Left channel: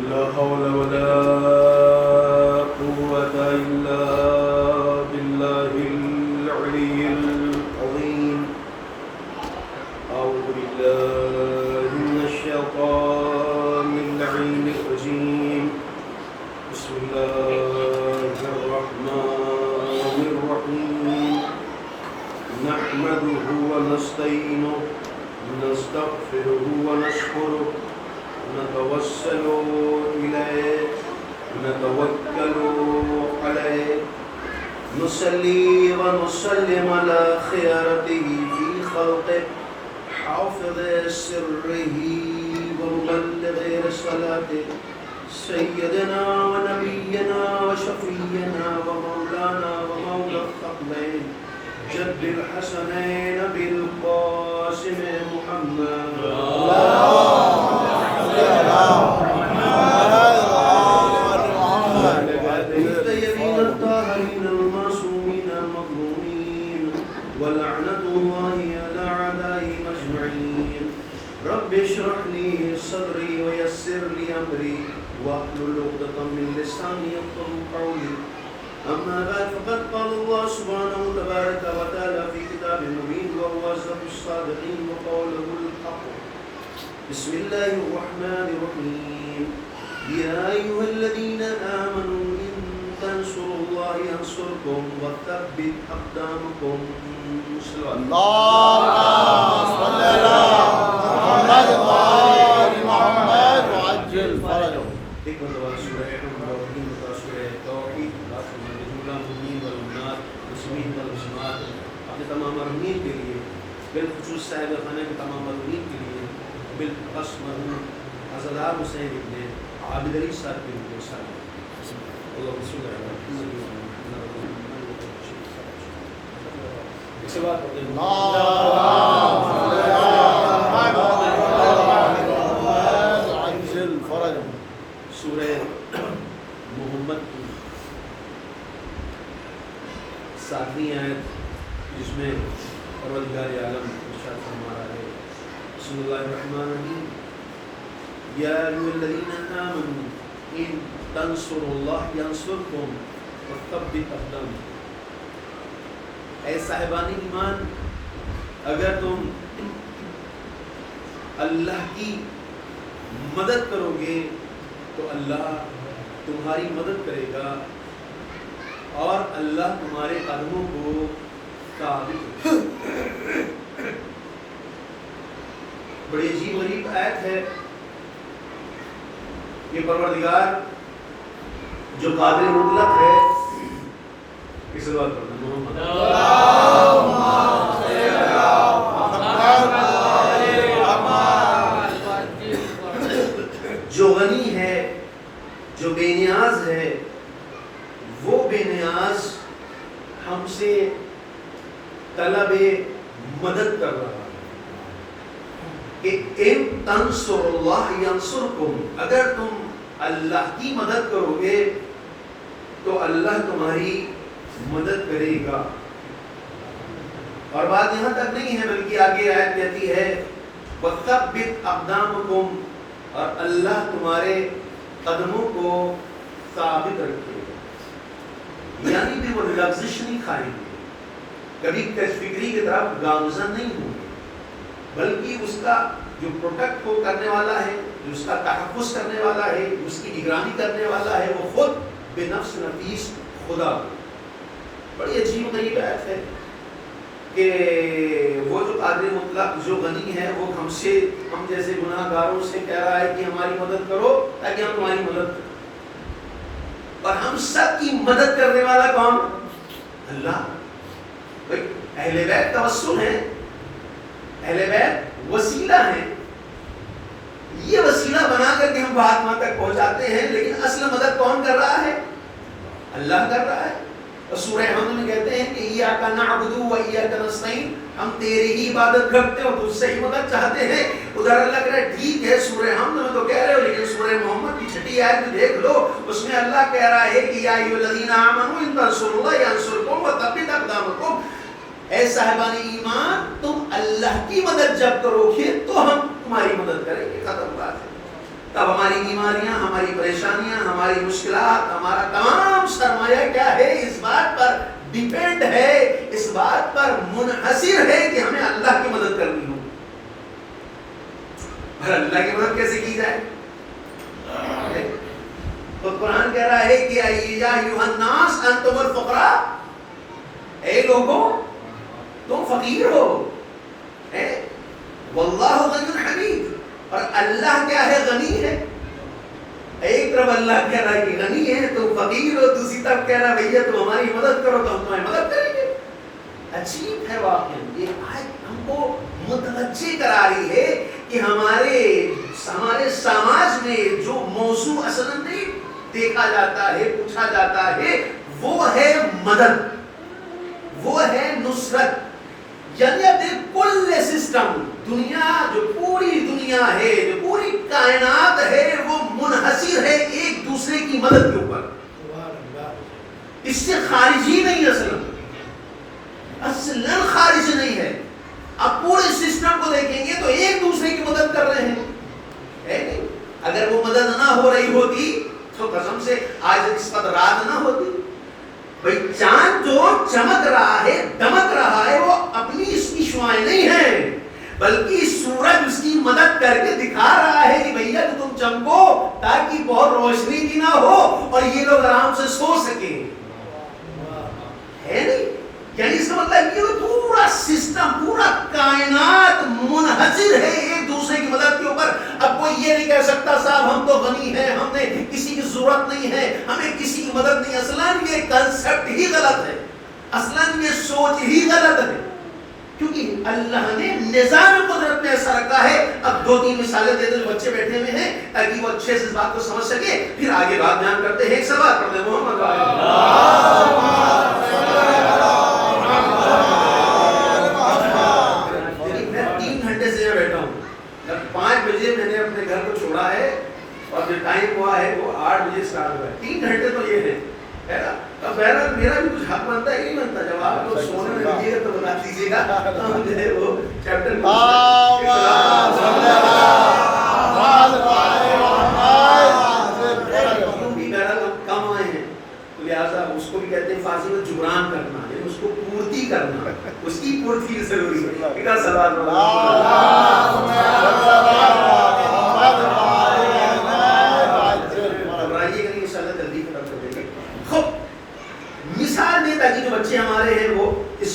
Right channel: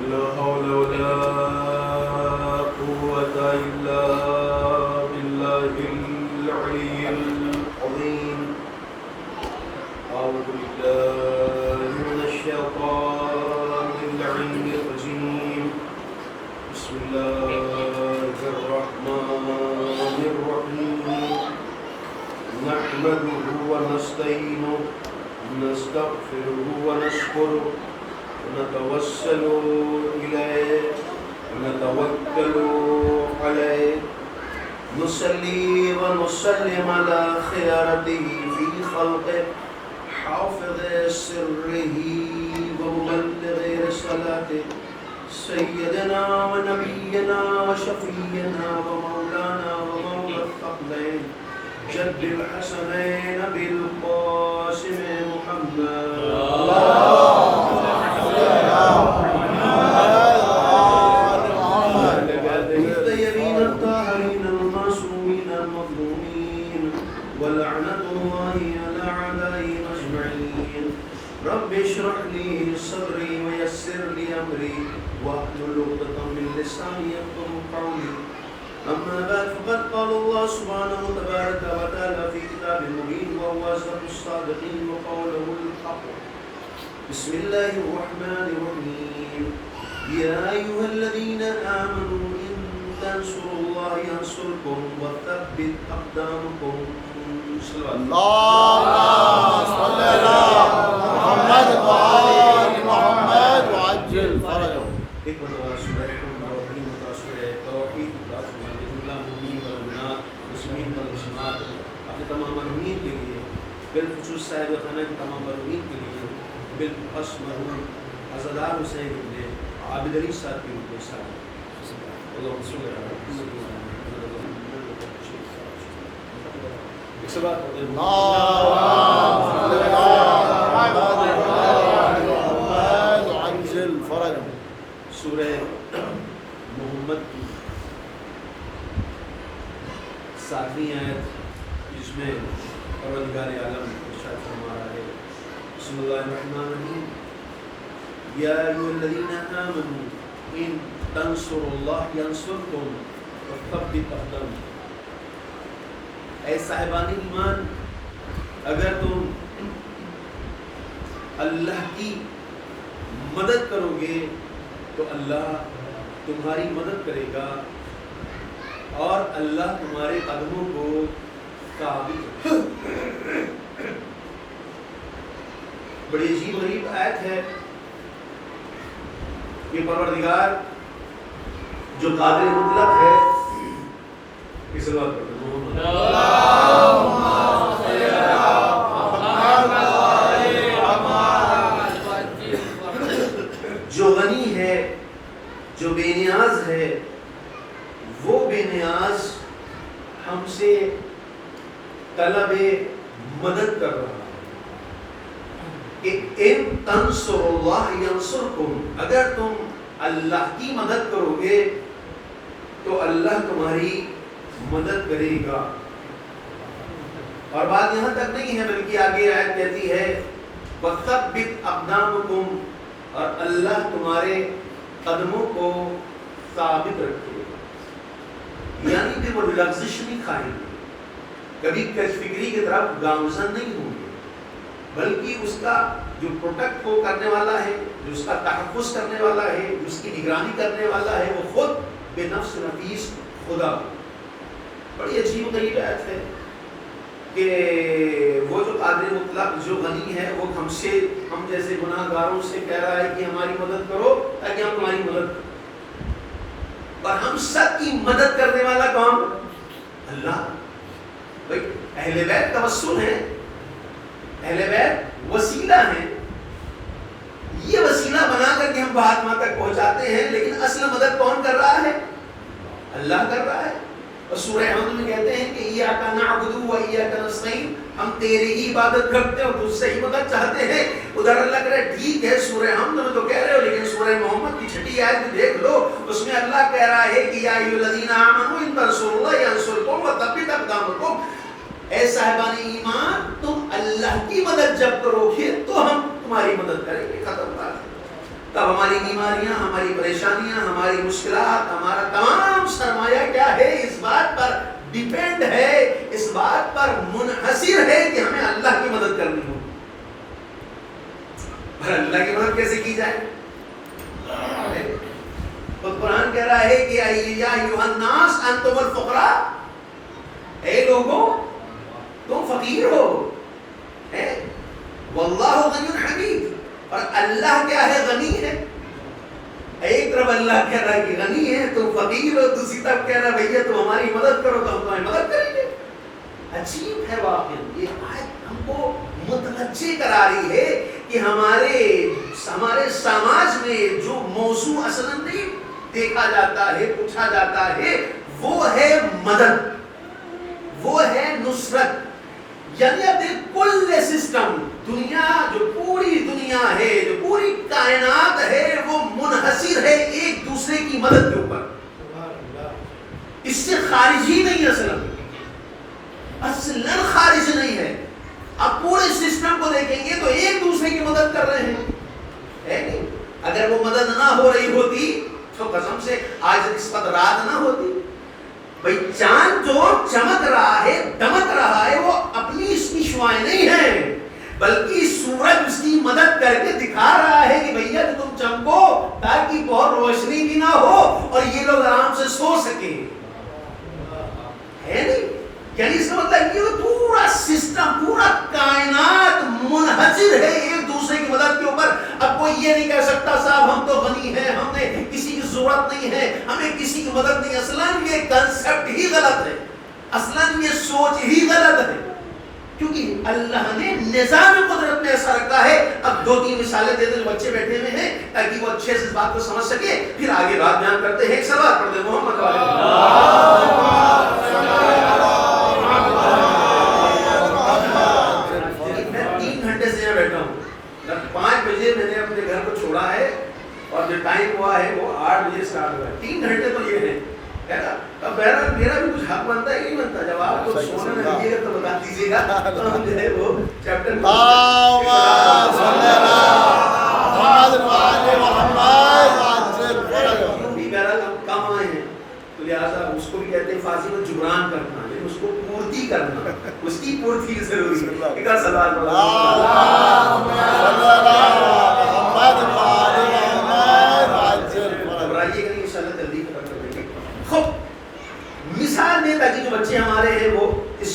لا حول ولا قوة إلا بالله العلي العظيم. أعوذ بالله من الشيطان اللعين الرجيم. بسم الله الرحمن الرحيم. نحمده ونستعينه نستغفره ونشكره ونتوسل إليه ونتوكل عليه نصلي ونسلم على خيرته في خلقه حافظ سره ومبلغ رسالته سيدنا ونبينا وشفينا ومولانا ومولى الثقلين جد الحسنين بالقاسم محمد الطيبين الطاهرين المعصومين المظلومين ولعنة الله على أعدائهم أجمعين. رب اشرح لي صدري ويسر لي أمري واحلل عقدة من لساني يفقهوا قولي. أما بعد فقد قال الله سبحانه تبارك وتعالى في كتاب مبين وهو أصدق الصادقين وقوله الحق. بسم الله الرحمن الرحيم. يا أيها الذين آمنوا إن تنصروا الله ينصركم وثبت أقدامكم. اللهم صل على محمد وآل محمد وعجل فرجهم. ایک مرتبہ سورہ الرحیم کا سورہ توحید المؤمنین والمؤمنات مسلمین والمسلمات اپنے تمام مرحومین کے لیے بالخصوص صاحب خانہ کے تمام مرحومین کے لیے بالخصوص مرحوم عزادار حسین ابن عابد علی صاحب کے روح میں ساتھ اللہم صلی اللہ علیہ وسلم. ایک سوال پڑھتے ہیں سورہ محمد کی 7ویں آیت جس میں پروردگار عالم ارشاد فرما رہا ہے. بسم اللہ الرحمن الرحیم. یا ایھا الذین آمنوا ان تنصروا اللہ ینصرکم وثبت اقدامکم. اے صاحبان ایمان، اگر تم اللہ کی مدد کرو گے تو اللہ تمہاری مدد کرے گا اور اللہ تمہارے قدموں کو ثابت رکھے گا. بڑی عجیب غریب آیت ہے. یہ پروردگار جو قادر مطلق ہے اس بات پر جو غنی ہے، جو بے نیاز ہے، وہ بے نیاز ہم سے طلب مدد کر رہا ہے کہ ان تنصروا اللہ ینصرکم، اگر تم اللہ کی مدد کرو گے تو اللہ تمہاری مدد کرے گا. اور بات یہاں تک نہیں ہے بلکہ آگے آیت کہتی ہے وَثَبِّتْ أَقْدَامَكُمْ، اور اللہ تمہارے قدموں کو ثابت رکھے گا. یعنی بھی وہ لغزش نہیں کھائیں گے، کبھی کش فکری کی طرف گامزن نہیں ہوں گے، بلکہ اس کا جو پروٹیکٹ کو کرنے والا ہے، جو اس کا تحفظ کرنے والا ہے، جو اس کی نگرانی کرنے والا ہے، وہ خود بے نفس نفیس خدا. بڑی عجیب غریب آیت ہے کہ وہ جو قادر مطلق جو غنی ہے وہ ہم جیسے گناہ گاروں سے کہہ رہا ہے کہ ہماری مدد کرو تاکہ ہم تمہاری مدد کریں. اور ہم سب کی مدد کرنے والا کون؟ اللہ. بھائی اہل بیت توسل ہیں، اہل بیت وسیلہ ہیں، یہ وسیلہ بنا کر کے ہم مہاتما تک پہنچاتے ہیں، لیکن اصل مدد کون کر رہا ہے؟ اللہ کر رہا ہے. اور سورہ حمد میں کہتے ہیں کہ ایاک نعبد و ایاک نستعین، ہم تیری ہی عبادت کرتے ہیں اور تجھ سے ہی مدد چاہتے ہیں. ادھر اللہ کہہ رہا ہے ٹھیک ہے سورہ حمد میں تو کہہ رہے ہو، لیکن سورہ محمد کی 6 آیت میں دیکھ لو، اس میں اللہ کہہ رہا ہے کہ یا ایھا الذین آمنوا ان تنصروا اللہ ینصرکم وثبت اقدامکم. اے صاحبان ایمان، تم اللہ کی مدد جب کرو گے تو ہم تمہاری مدد کریں گے. ختم بات ہے. تب ہماری بیماریاں، ہماری پریشانیاں، ہماری مشکلات، ہمارا تمام سرمایہ کیا ہے؟ اس بات پر ڈیپینڈ ہے، اس بات پر منحصر ہے کہ ہمیں اللہ کی مدد کرنی ہو۔ پر اللہ کی مدد کیسے کی جائے؟ تو قرآن کہہ رہا ہے کہ یا ایھا الناس انتم الفقراء، اے لوگوں تم فقیر ہو، واللہ غنی حمید، اور اللہ کیا ہے؟ غنی ہے۔ ایک طرف اللہ کہہ رہا ہے کہ غنی ہے، تم فقیر ہو، دوسری طرف کہہ رہا ہے بھیا تم ہماری مدد کرو تو ہم تمہاری مدد کریں گے۔ عجیب ہے واقعا، یہ آیت ہم کو متوجہ کرا رہی ہے کہ ہمارے سماج میں جو موضوع اصلا نہیں دیکھا جاتا ہے، پوچھا جاتا ہے، وہ ہے مدد، وہ ہے نصرت۔ یعنی اب کل سسٹم، دنیا جو پوری دنیا ہے، جو پوری کائنات ہے، وہ منحصر ہے ایک دوسرے کی مدد کے اوپر، اس سے خارج ہی نہیں، اصلا خارج نہیں ہے۔ اب پورے سسٹم کو دیکھیں گے تو ایک دوسرے کی مدد کر رہے ہیں، ہے نہیں؟ اگر وہ مدد نہ ہو رہی ہوتی تو قسم سے آج اس وقت رات نہ ہوتی۔ بھئی چاند جو چمک رہا ہے، دمک رہا ہے، وہ اپنی اس کی شعاعیں نہیں ہیں، بلکہ سورج اس کی مدد کر کے دکھا رہا ہے کہ بھیا جو تم چمکو تاکہ بہت روشنی بھی نہ ہو اور یہ لوگ آرام سے سو سکیں، ہے نہیں؟ یعنی اس کا مطلب یہ پورا سسٹم، پورا کائنات منحصر ہے ایک دوسرے کی مدد کے اوپر۔ اب کوئی یہ نہیں کہہ سکتا صاحب ہم تو غنی ہیں، ہم نے کسی کی ضرورت نہیں ہے، ہمیں کسی کی مدد نہیں۔ اصلاً یہ کنسپٹ ہی غلط ہے، اصلاً یہ سوچ ہی غلط ہے، کیونکہ اللہ نے نظام قدرت میں ایسا رکھا ہے۔ اب 2-3 مثالیں دے دو بچے بیٹھے ہوئے ہیں تاکہ وہ اچھے سے اس بات کو سمجھ سکے، پھر آگے بات بیان کرتے ہیں۔ ایک سوال پڑھتے ہیں، محمد بیٹھا ہوں، جب 5 بجے میں نے اپنے گھر کو چھوڑا ہے اور جو ٹائم ہوا ہے وہ 8 بجے سٹارٹ ہوا ہے، 3 گھنٹے تو یہ ہیں۔ اب بہرحال میرا بھی کچھ حق بنتا ہے کہ نہیں بنتا؟ جب آپ لوگ سونے میں لگیے گا تو بتا دیجیے گا، تو ہم جو ہے وہ چیپٹر کم آئے ہیں، تو لہٰذا اس کو بھی کہتے ہیں فارسی میں جبران کرنا، یعنی اس کو پورتی کرنا، اس کی پورتی ضروری ہے۔ ایک اور سوال گھبرائیے گا نہیں، انشاءاللہ جلدی ختم کر دیں گے۔ خوب مثال دیں تاکہ جو بچے ہمارے ہیں وہ اس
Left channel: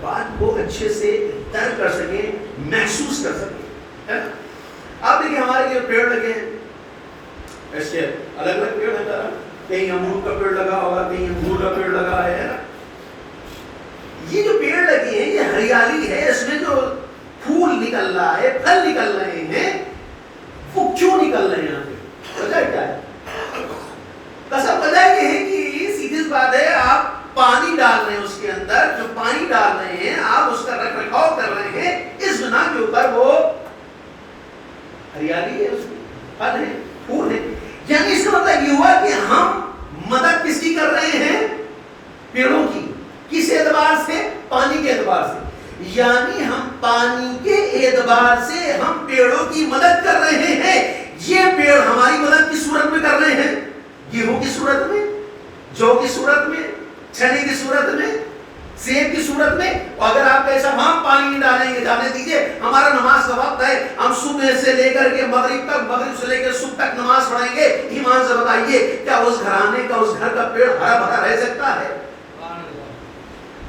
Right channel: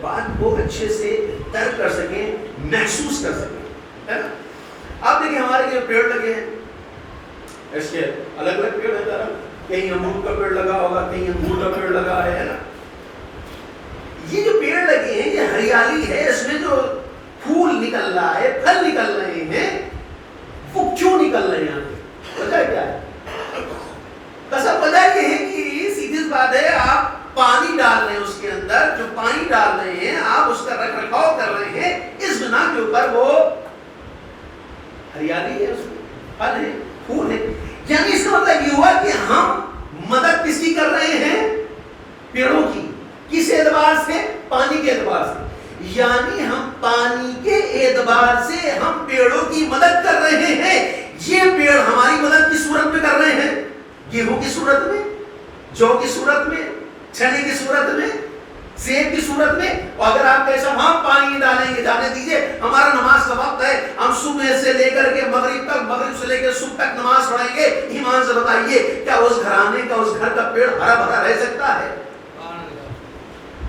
بات کو اچھے سے درک کر سکیں، محسوس کر سکیں۔ آپ دیکھیں ہمارے یہ پیڑ لگے ہیں، اس کے الگ الگ پیڑ ہے، کہیں امرود کا پیڑ لگا ہوگا، کہیں انگور کا پیڑ لگا ہے نا۔ یہ جو پیڑ لگے ہیں یہ ہریالی ہے، اس میں جو پھول نکل رہا ہے، پھل نکل رہے ہیں، وہ کیوں نکل رہے ہیں؟ وجہ کیا ہے؟ بس اب وجہ یہ ہے کہ سیدھی سی بات ہے، آپ پانی ڈال رہے ہیں اس کے اندر، جو پانی ڈال رہے ہیں آپ اس کا رکھ رکھاؤ کر رہے ہیں، اس بنا کے اوپر وہ ہریالی ہے، اس میں پھل ہے، پھول ہے۔ یعنی اس کا مطلب یہ ہوا کہ ہم مدد کس کی کر رہے ہیں؟ پیڑوں کی۔ کس اعتبار سے؟ پانی کے اعتبار سے۔ یعنی ہم پانی کے اعتبار سے ہم پیڑوں کی مدد کر رہے ہیں۔ یہ پیڑ ہماری مدد کس صورت میں کر رہے ہیں؟ گیہوں کی صورت میں، جو کی صورت میں، چنے کی صورت میں، سیب کی صورت میں۔ اور اگر آپ کہے ہم پانی نہیں ڈالیں گے، جانے دیجئے ہمارا نماز کا وقت ہے، ہم صبح سے لے کر کے مغرب تک، مغرب سے لے کے صبح تک نماز پڑھیں گے، ایمان سے بتائیے کیا اس گھرانے کا، اس گھر کا پیڑ ہرا بھرا رہ سکتا ہے؟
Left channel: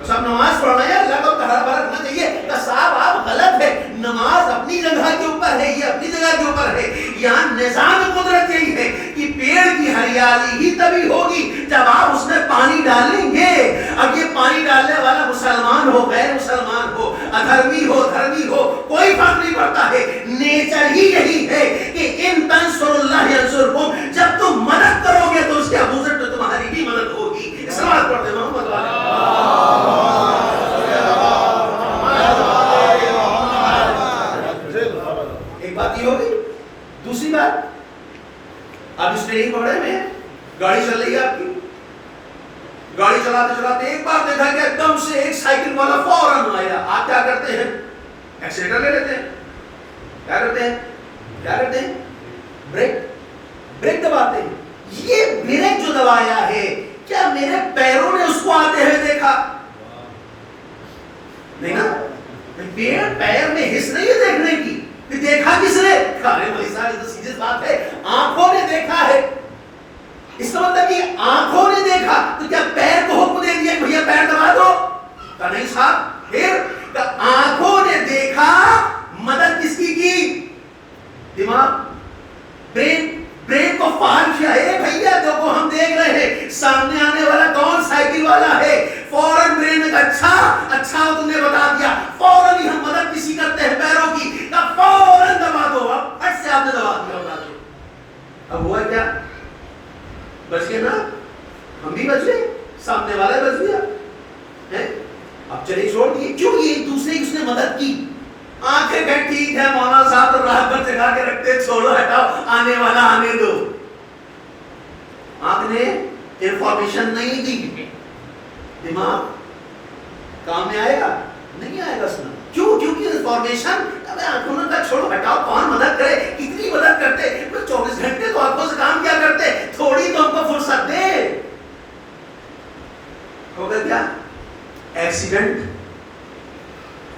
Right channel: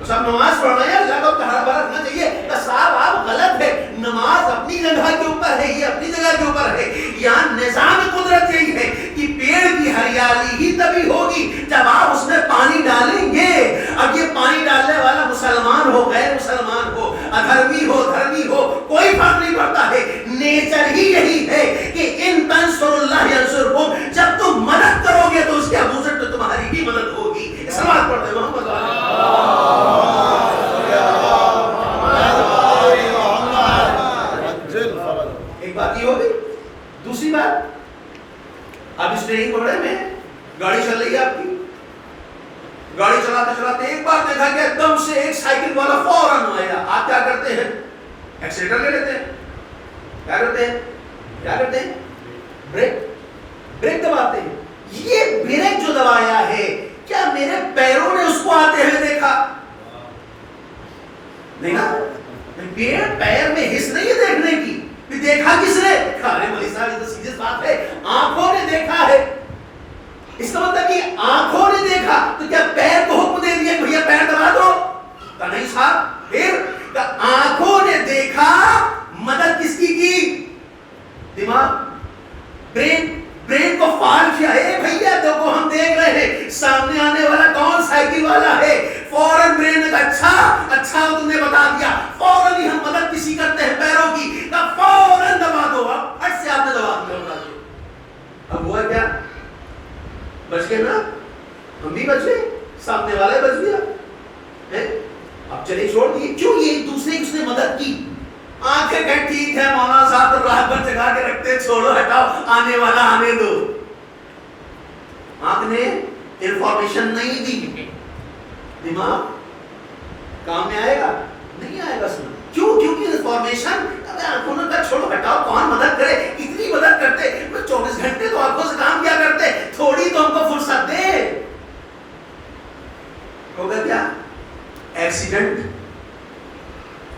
سب نماز پڑھ رہے ہیں، اللہ کو ہرا بھرا رکھنا چاہیے کہ صاحب آپ غلط ہے، نماز اپنی جگہ کے اوپر ہے، یہ اپنی جگہ کے اوپر ہے۔ یہاں نظام قدرت یہی ہے کہ پیڑ کی ہریالی ہی تبھی ہوگی جب آپ اس میں پانی ڈالیں گے۔ اب یہ پانی ڈالنے والا مسلمان ہو، غیر مسلمان ہو، ادھرمی ہو، دھرمی ہو، کوئی فرق نہیں پڑتا ہے۔ نیچر ہی یہی ہے کہ ان تنصروا اللہ ینصرکم، جب تم مدد کرو گے تو اس کے اپوزٹ تو تمہاری بھی مدد ہوگی۔ سلام پڑھتے محمد بات یہ ہوگی۔ دوسری بات، آپ اس ٹریننگ پڑھے میں گاڑی چل رہی ہے، آپ کی گاڑی چلاتے چلاتے ایک بار دیکھا کہ ایک دم سے ایک سائیکل والا فوراً آیا، آپ کیا کرتے ہیں؟ ایکسیلیٹر لے لیتے ہیں۔ کیا کرتے ہیں؟ بریک دباتے ہیں. یہ بریک جو دبایا ہے کیا میرے پیروں نے اس کو آتے ہوئے دیکھا؟ نہیں نا. پیر میں حس نہیں ہے دیکھنے کی. دیکھا کس نے؟ ارے مولوی صاحب یہ تو سیریس بات ہے. آنکھوں نے دیکھا ہے. اس کا مطلب کہ آنکھوں نے دیکھا تو کیا پیر کو حکم دے دیا کہ بھیا پیر دبا دو؟ کہا نہیں صاحب. پھر آنکھوں نے دیکھا. مدد کس کی؟ دماغ، برین کو فعال کیا ہے. بھیا دیکھو ہم دیکھ رہے ہیں سامنے آنے والا کون سائیکل والا ہے. فوراً برین نے کہا اچھا تم نے بتا دیا. فوراً ہی ہم مدد کسی کرتے ہیں پیروں کی. کہا فوراً دبا دو. اب ہٹ سے آپ نے دبا دیا. اب ہوا کیا؟ بچ گئے نا. ہم بھی بچ گئے، سامنے والا ہی بچ گیا. اب چلے چھوڑ دیے. کیوں؟ یہ ایک دوسرے کی اس نے مدد کی. آنکھیں کہ ٹھیک ہے مولانا صاحب تو رات بھر جگا کے رکھتے، چھوڑو ہٹاؤ، آنے والا آنے دو. آپ نے انفارمیشن نہیں دی. دماغ کام میں آئے گا؟ نہیں آئے گا. سنا کیوں؟ کیونکہ انفارمیشن آنکھوں نے کہا چھوڑو ہٹاؤ، کون مدد کرے. اتنی مدد کرتے 24 گھنٹے تو آنکھوں سے کام کیا کرتے، تھوڑی تو ہم کو فرصت دے. ہوگا کیا؟ ایکسیڈنٹ.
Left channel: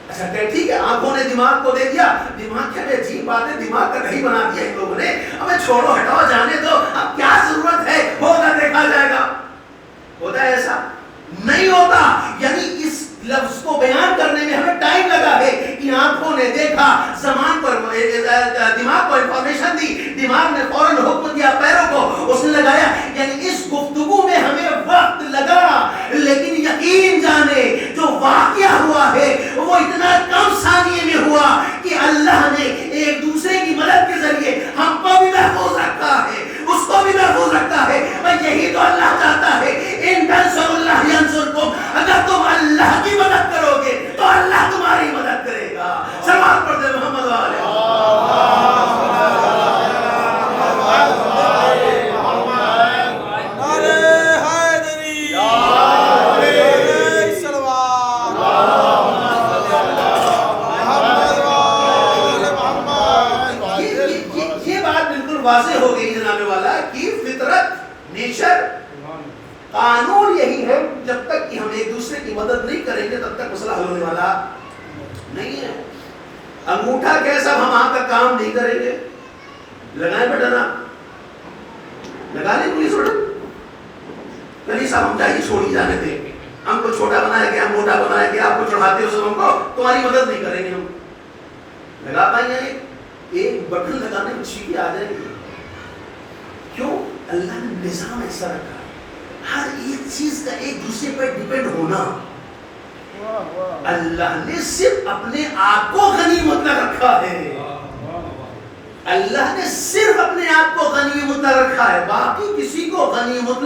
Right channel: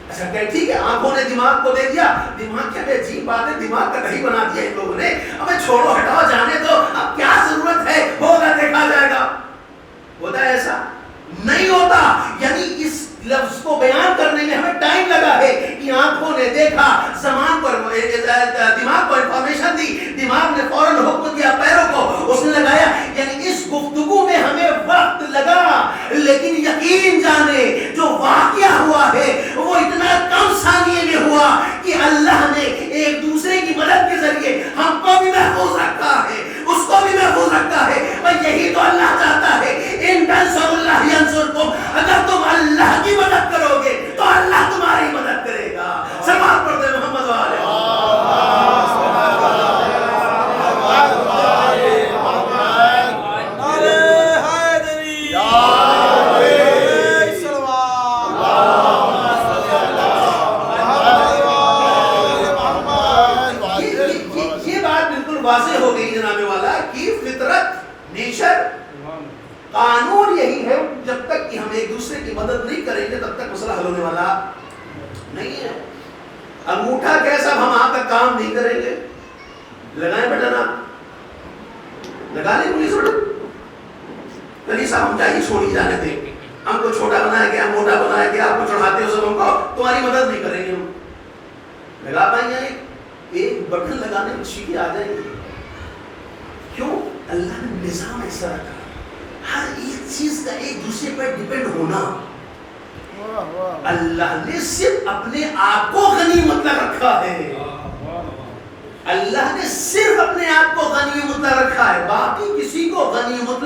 اچھا کہ ٹھیک ہے آنکھوں نے دماغ کو دے دیا. دماغ کیا عجیب بات ہے، دماغ کا نہیں بنا دیا ان لوگوں نے. ابے چھوڑو ہٹاؤ جانے دو، اب کیا ضرورت ہے، ہوگا دیکھا جائے گا. ہوتا ہے ایسا؟ نہیں ہوتا. یعنی اس لفظ کو بیان کرنے میں ہمیں ٹائم لگا ہے. کہ آنکھوں نے دیکھا، زمان پر دماغ کو انفارمیشن دی، دماغ نے فوراً حکم دیا پیروں کو، اس نے لگایا. یعنی اس گفتگو میں ہمیں وقت لگا، لیکن یقین جانے جو واقعہ ہوا ہے وہ اتنا کم ثانیے میں ہوا کہ اللہ نے ایک دوسرے کی مدد کے ذریعے ہم کو بھی محفوظ رکھا ہے، اس کو بھی محفوظ رکھا ہے. اور یہی تو اللہ چاہتا ہے. ان تنصروا اللہ ینصرکم. اگر تم اللہ کی مدد کرو گے تو اللہ تمہاری مدد کرے گا. سلام پڑھتے محمد والے. واضح ہو گئی جناب والا کی فطرت، نیچر، قانون یہی ہے. جب تک کہ ہم ایک دوسرے کی مدد نہیں کریں گے تب تک مسئلہ حل ہونے والا نہیں ہے. انگوٹھا کیسا ہم آپ کا کام نہیں کریں گے. لگائیں بٹن، آپ لگا لیں پولیس بٹن. نہیں صاحب ہم چاہیے چھوڑی جانے دیں، ہم کو چھوٹا بنایا گیا، موٹا بنایا گیا، آپ کو چڑھاتے ہو سب ہم کو تمہاری مدد نہیں کریں گے. ہم لگا پائیں گے؟ ایک بٹن لگانے میں چیزیں آ جائیں گی. کیوں؟ اللہ نے نظام ایسا رکھا ہے. ہر ایک چیز کا ایک دوسرے پر ڈیپینڈ ہونا. اللہ نے صرف اپنے آپ کو غنیمت رکھا ہے. اللہ نے صرف اپنے آپ کو غنیمت رکھا ہے، باقی کسی کو غنیمت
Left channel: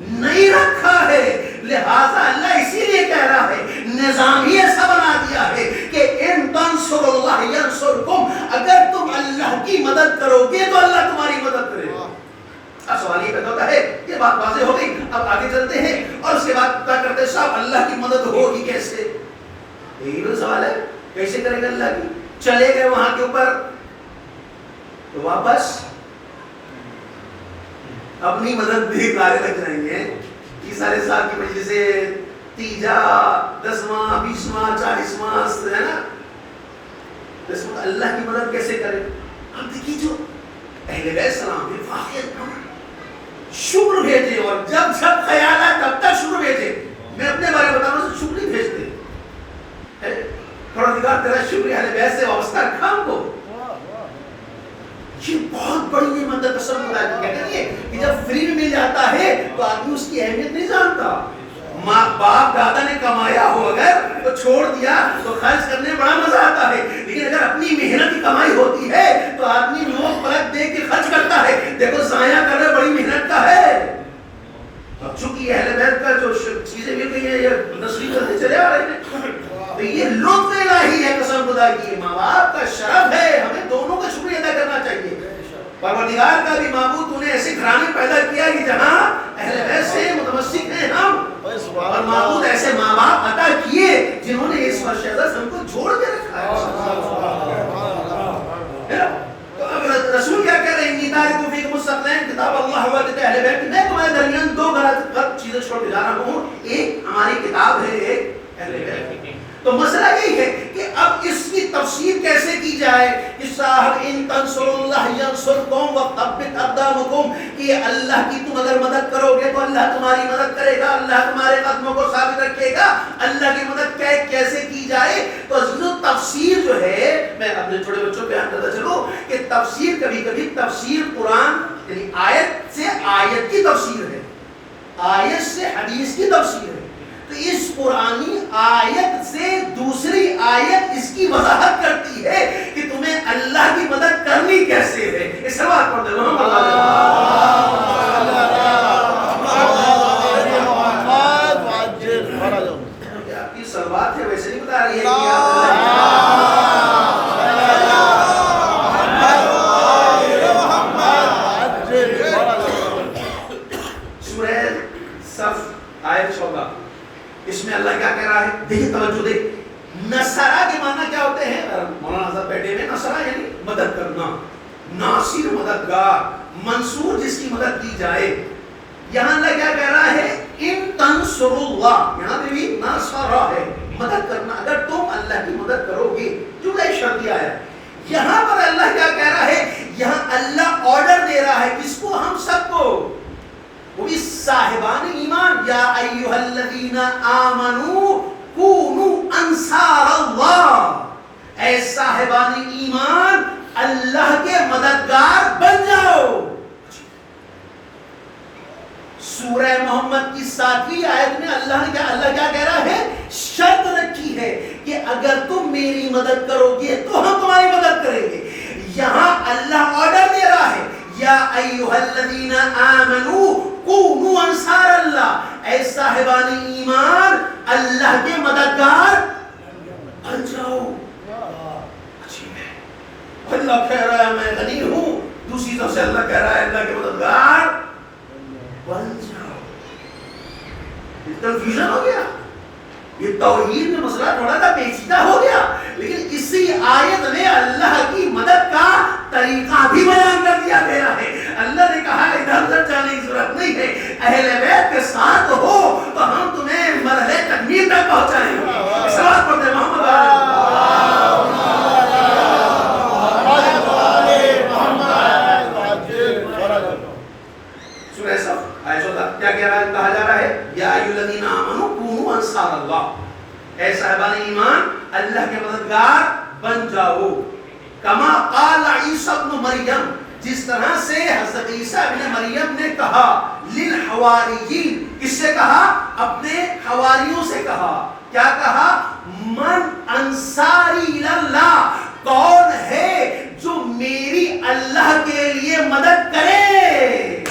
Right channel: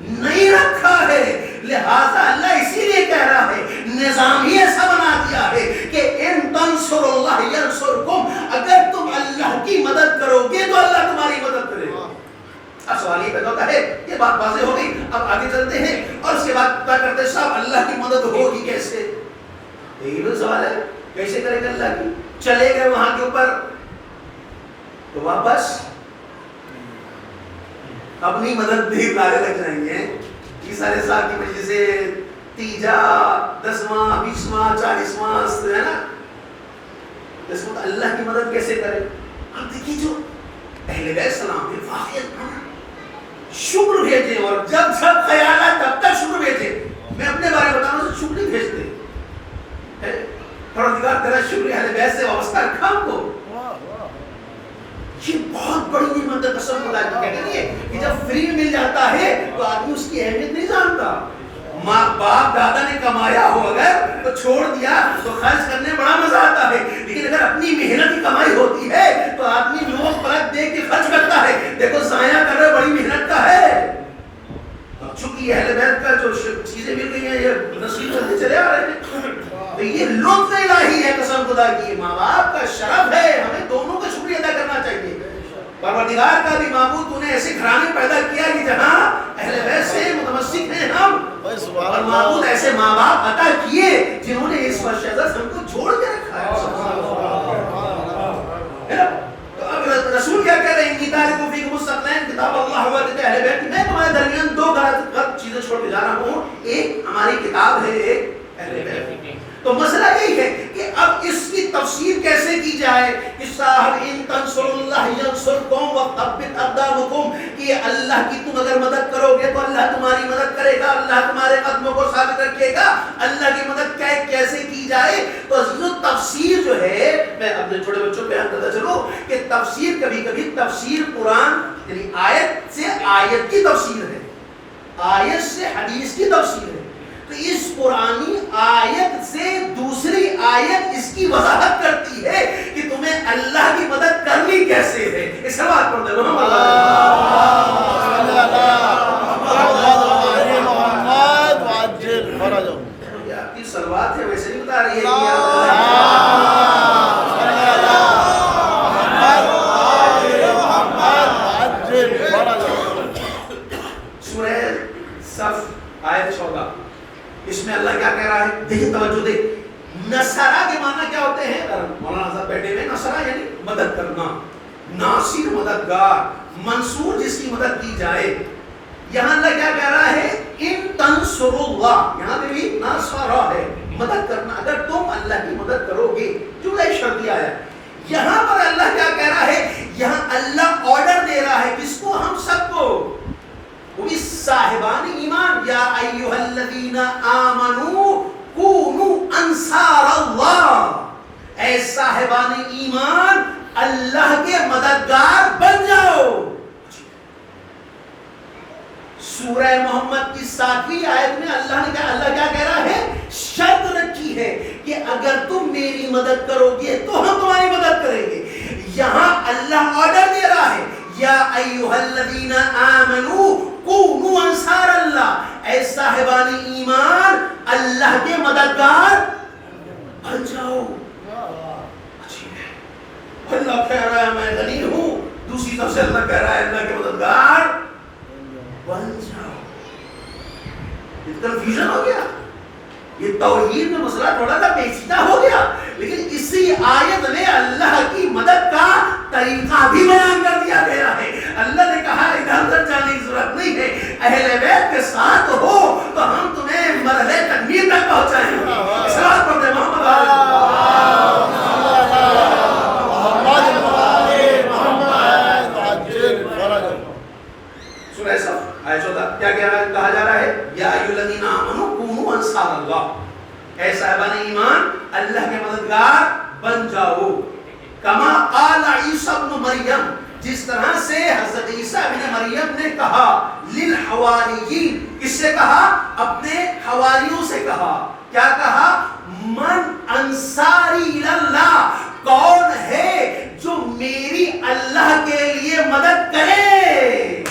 نہیں رکھا ہے. لہذا اللہ اسی لیے کہہ رہا ہے، نظام ہی ایسا بنا دیا ہے کہ ان تنصروا اللہ ینصرکم. اگر تم اللہ کی مدد کرو گے تو اللہ تمہاری مدد کرے گا. اب سوال یہ پیدا ہوتا ہے، یہ بات واضح ہو گئی. اب آگے چلتے ہیں اور اس کے بعد پتا کرتے ہیں صاحب اللہ کی مدد ہوگی کیسے. یہی تو سوال ہے، کیسے کرے گا اللہ کی. چلے گئے وہاں کے اوپر تو واپس اپنی مدد بھی نعرے لگ جائیں گے. 30 سال کی وجہ سے تیجا 10واں 20واں 40واں ہے نا. اس وقت اللہ کی مدد کیسے کرے. آپ دیکھیے جو اہل بیت سلام نے واقعہ شکر بھیجے، اور جب جب خیال آئے تب تک شکر بھیجے. میں اپنے بارے میں بتاؤں سے شکر نہیں بھیجتے. پروردگار تیرا شکر اہل بیت سے وابستہ رکھا ہم کو. یہ بہت بڑی نعمت ہے. قسم خدا کی کہتے ہیں کہ جب فری میں مل جاتا ہے تو آدمی اس کی اہمیت نہیں جانتا. ماں باپ دادا نے کمایا ہو اگر تو چھوڑ دیا تو خرچ کرنے بڑا مزہ آتا ہے، لیکن اگر اپنی محنت کی کمائی ہوتی ہے تو آدمی نوک پلک دیکھ کے خرچ کرتا ہے. دیکھو ضائع کر رہے بڑی محنت کا ہے. اب چونکہ اہل بیت کا جو چیزیں مل گئی ہیں یہ نسلی چلتے چلے آ رہے ہیں تو یہ لطف الہی ہے. قسم خدا کی ماں باپ کا شرف ہے، ہمیں دونوں کا شکریہ ادا کرنا چاہیے. پروردگار کا بھی معبود تو نے ایسے گھرانے پیدا کیا کہ جہاں اہل بیت سے متمسک ہیں ہم، اور معبود ایسے ماں باپ عطا کیے جنہوں نے اس فرشتہ ہم کو جوڑ کے رکھا ہے. تو اب رسول کیا کہہ رہے ہیں انی تارک فیکم الثقلین کتاب اللہ و سنت اہل بیت، میں تمہارے درمیان دو غلط چیزیں چھوڑ کے جا رہا ہوں، ایک ہماری کتاب ہے، ایک اہل بیت۔ تو مسئلہ یہی ہے کہ اب اس کی تفسیر کیسے کی جائے کہ صاحب ان تنصر اللہ ینصرکم وثبت اقدامکم، کہ اللہ کی تم اگر مدد کرو گے تو اللہ تمہاری مدد کرے گا، اللہ تمہارے قدموں کو ثابت رکھے گا۔ اللہ کی مدد کیسے کی جائے؟ تو عزیزو تفسیر جو ہے، میں اپنے چھوٹے بچوں پہ بتاتا چلوں کہ تفسیر کبھی کبھی تفسیر قرآن یعنی آیت سے آیت کی تفسیر ہے، آیت سے حدیث کی تفسیر ہے۔ تو اس قرآنی آیت سے دوسری آیت اس کی وضاحت کرتی ہے کہ تمہیں اللہ کی مدد کرنی کیسے ہے۔ اس سے بات پڑھ دے آپ کی سلوات ہے، ویسے نہیں بتا رہی ہے سورہ صف آیت 14، اس میں اللہ کیا کہہ رہا ہے؟ دیکھ توجہ دیکھ، نصرہ کے معنی کیا ہوتے ہیں؟ مولانا حضرت بیٹھے ہوئے، نصرہ یعنی مدد کرنا، ناصر مددگار، منصور جس کی مدد کی جائے۔ یہاں اللہ کیا کہہ رہا ہے؟ ان تنصر اللہ، یہاں پہ بھی نصرہ ہے، مدد کرنا، اگر تم اللہ کی مدد کرو گے، جملہ شرطیہ ہے۔ یہاں پر اللہ کیا کہہ رہا ہے؟ یہاں اللہ آرڈر دے رہا ہے کس کو؟ ہم سب کو، وہ بھی صاحبان ایمان، یا ایھا الذین آمنوا کونوا انصار اللہ، اے صاحبان ایمان اللہ کے مددگار بن جاؤ۔ سورہ محمد کی 7ویں آیت میں اللہ کیا کہہ رہا ہے؟ شرط رکھی ہے کہ اگر تم میری مدد کرو گے تو ہم تمہاری مدد کریں گے۔ یہاں اللہ آرڈر دے رہا ہے، یا ایھا الذین آمنوا کونوا انصار اللہ، اے صاحبان ایمان اللہ کے مددگار بن جاؤ۔ اللہ کہہ رہا ہے میں غنی ہوں، دوسری طرف سے اللہ کہہ رہا ہے اللہ کے مددگار بن جاؤ۔ کنفیوژن ہو گیا، یہ توحید میں مسئلہ تھوڑا سا پیچیدہ ہو گیا، لیکن اسی آیت میں اللہ کی مدد کا طریقہ بھی بیان کر دیا گیا ہے۔ اللہ نے کہا ادھر ادھر جانے کی ضرورت نہیں ہے، اہل بیت کے ساتھ ہو تو ہم تمہیں مرحلے تکمیل تک پہنچائیں گے۔ اس بات پر دے محمد سورہ صف آیت 14 کیا کہا جا رہا ہے؟ یا ایھا الذین آمنوا کونوا انصار اللہ، اے صاحبان ایمان اللہ کے مددگار بن جاؤ۔ کما قال عیسی ابن مریم، جس طرح سے حضرت عیسیٰ ابن مریم نے کہا للحواریین، کس سے کہا؟ اپنے حواریوں سے کہا۔ کیا کہا؟ من انصاری اللہ، کون ہے جو میری اللہ کے لیے مدد کرے؟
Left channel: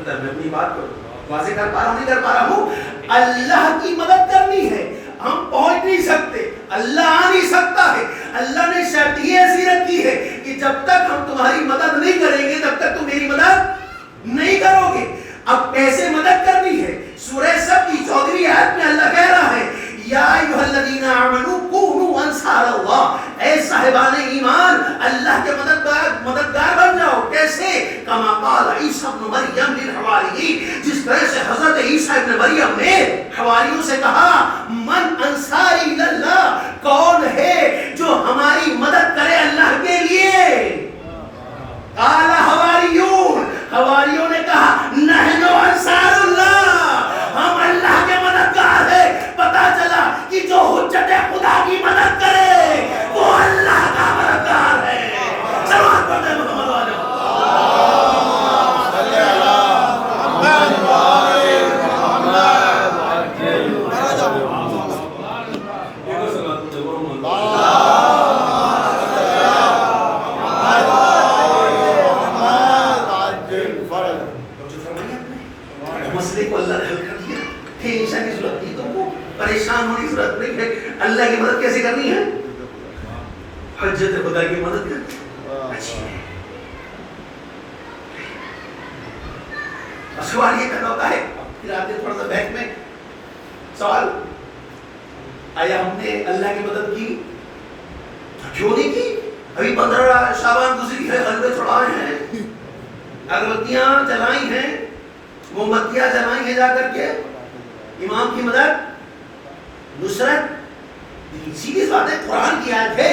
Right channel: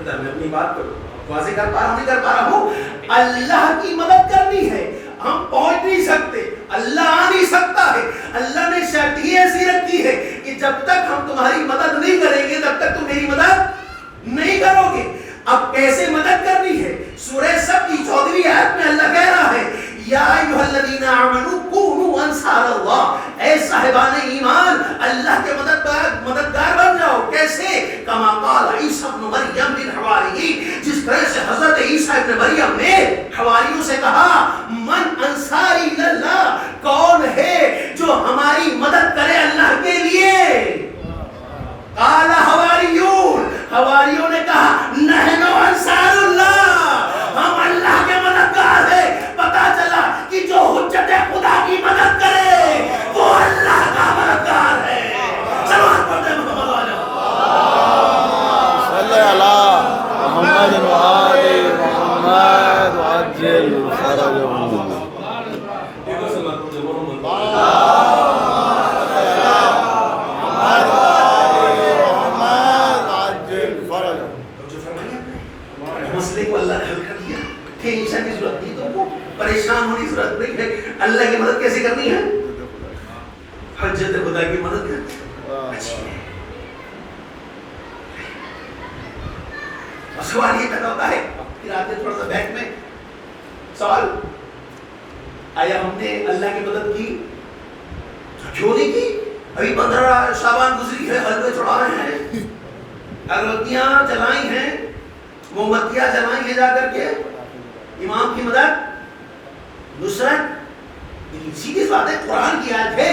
میں اپنی بات کو واضح کر پا رہا ہوں نہیں کر پا رہا ہوں؟ اللہ کی مدد کرنی ہے، ہم پہنچ نہیں سکتے، اللہ آ نہیں سکتا ہے۔ اللہ نے شرط ہی ایسی رکھی ہے کہ جب تک ہم تمہاری مدد نہیں کریں گے تب تک تم میری مدد نہیں کرو گے۔ اب کیسے مدد کرنی ہے؟ سورہ صف کی 14ویں آیت میں اللہ کہہ رہا ہے یا ایھا الذین آمنوا کونوا انصار اللہ، اے صاحبان ایمان اللہ کے مددگار بن جاؤ۔ کیسے؟ کما قال عیسی ابن مریم للحواریین، جس طرح سے حضرت عیسیٰ ابن مریم نے حواریوں سے کہا من انصاری اللہ، کون ہے جو ہماری مدد کرے اللہ کے لیے؟ قال حواریون، حواریوں نے کہا نحن انصار اللہ، ہم اللہ کے مددگار ہیں۔ پتا چلا کہ جو حجت خدا کی مدد کرے وہ اللہ کا مددگار ہے۔ سلوات پڑھتے محمد والے مسئلے کو اللہ نے حل کر دیا، ٹینشن کی ضرورت نہیں، تم کو پریشان ہونے کی ضرورت نہیں ہے۔ اللہ کی مدد کیسے کرنی ہے؟ حجت خدا کی مدد کرنی ہے۔ سوال یہ پیدا ہوتا ہے، پھر آتے تھوڑا سا بیک میں سوال، آیا ہم نے اللہ کی مدد کی؟ کیوں نہیں کی؟ ابھی 15 شعبان گزری ہے، حلوے چڑھائے ہیں، اگربتیاں جلائی ہیں، مومبتیاں جلائی ہیں، جا کر کے امام کی مدد، نصرت. سیدھی بات ہے، قرآن کی آیت ہے،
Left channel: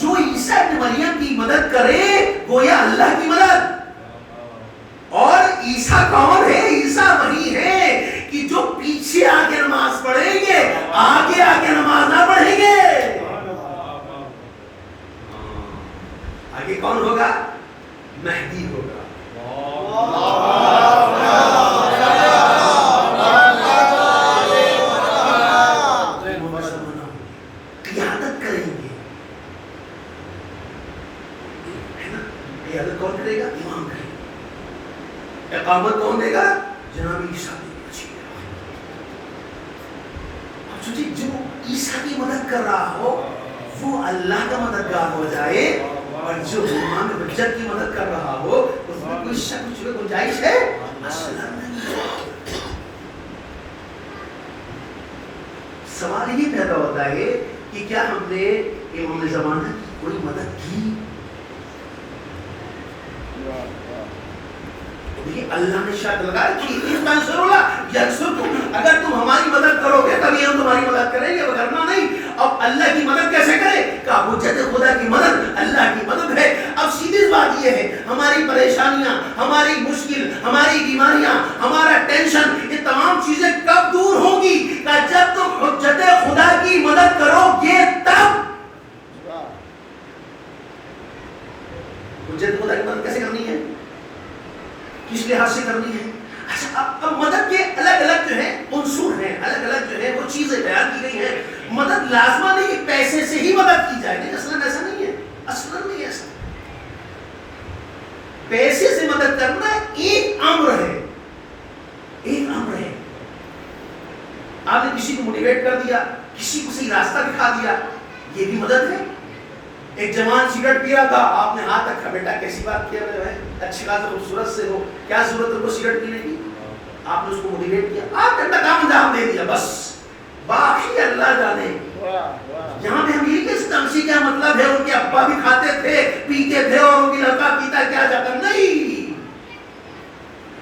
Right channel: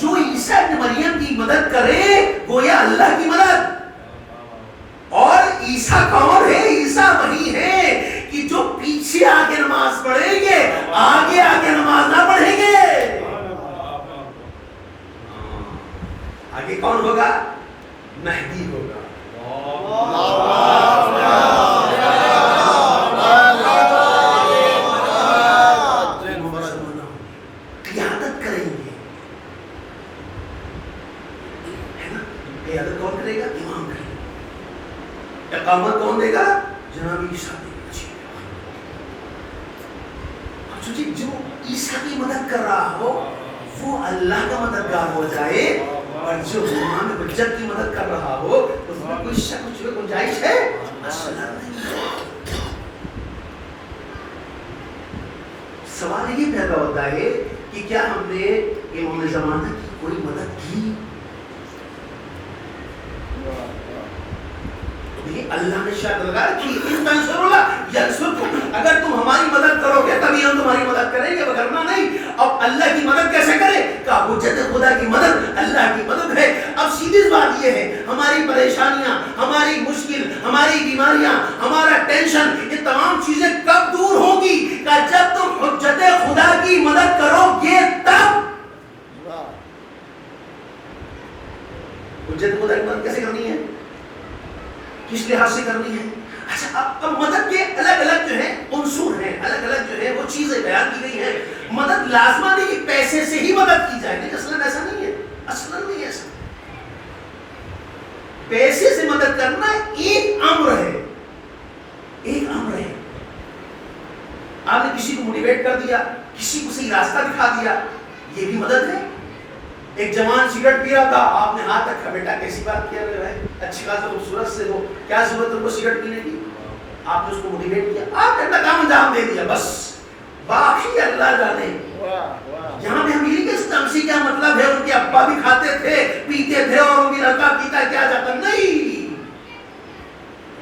جو عیسیٰ ابن مریم کی مدد کرے گویا اللہ کی مدد. اور عیسیٰ کون ہے؟ عیسیٰ وہی ہے کہ جو پیچھے آگے نماز پڑھیں گے، آگے آگے نماز نہ پڑھیں گے. آگے کون ہوگا؟ مہدی ہوگا. قیادت کریں گے. قیادت کون کرے گا؟ امام کرے گا. اقامت کون دے گا؟ جناب عیسیٰ دے گا. جو عیسیٰ کی مدد کر رہا ہو وہ اللہ کا مددگار ہو جائے، اور جو امام حجت کی مدد کر رہا ہو اس میں کوئی شک کچھ بھی گنجائش ہے اصلا نہیں. سوال یہ پیدا ہوتا ہے کہ کیا ہم نے امام زمانہ کی کوئی مدد کی؟ اللہ نے شرط لگا رکھی، ان تنصروا اللہ ینصرکم، اگر تم ہماری مدد کرو گے تبھی ہم تمہاری مدد کریں گے، وگرنہ نہیں. اب اللہ کی مدد کیسے کرے؟ کہا حجت خدا کی مدد اللہ کی مدد ہے. اب سیدھی بات یہ ہے، ہماری پریشانیاں، ہماری مشکل، ہماری بیماریاں، ہمارا ٹینشن، یہ تمام چیزیں کب دور ہوں گی؟ کہ جب تم حجت خدا کی مدد کرو گے تب. حجت خدا کی مدد کیسے کرنی ہے؟ کس لحاظ سے کرنی ہے؟ اچھا، اب مدد کے الگ الگ جو ہے عنصر ہیں، الگ الگ جو ہے وہ چیزیں بیان کی گئی ہیں. مدد لازمہ نہیں کہ پیسے سے ہی مدد کی جائے، نہیں، اصلا ایسا نہیں ہے، اصلا نہیں ایسا. پیسے سے مدد کرنا ایک امر ہے، ایک امر ہے. آپ نے کسی کو موٹیویٹ کر دیا، کسی کو صحیح راستہ دکھا دیا، یہ بھی مدد ہے. ایک جوان سگریٹ پی رہا تھا، آپ نے ہاتھ رکھا، بیٹا کیسی بات کیا جو ہے اچھی بات، خوبصورت سے، وہ کیا ضرورت ان کو سگریٹ پینے کی؟ آپ نے اس کو موٹیویٹ کیا، آپ نے اپنا کام انجام دے دیا، بس. باقی اللہ جانے. یہاں پہ ہم یہ کہ تمسی کیا مطلب ہے، ان کے ابا بھی کھاتے تھے پیتے تھے اور ان کی لڑکا پیتا کیا جاتا، نہیں.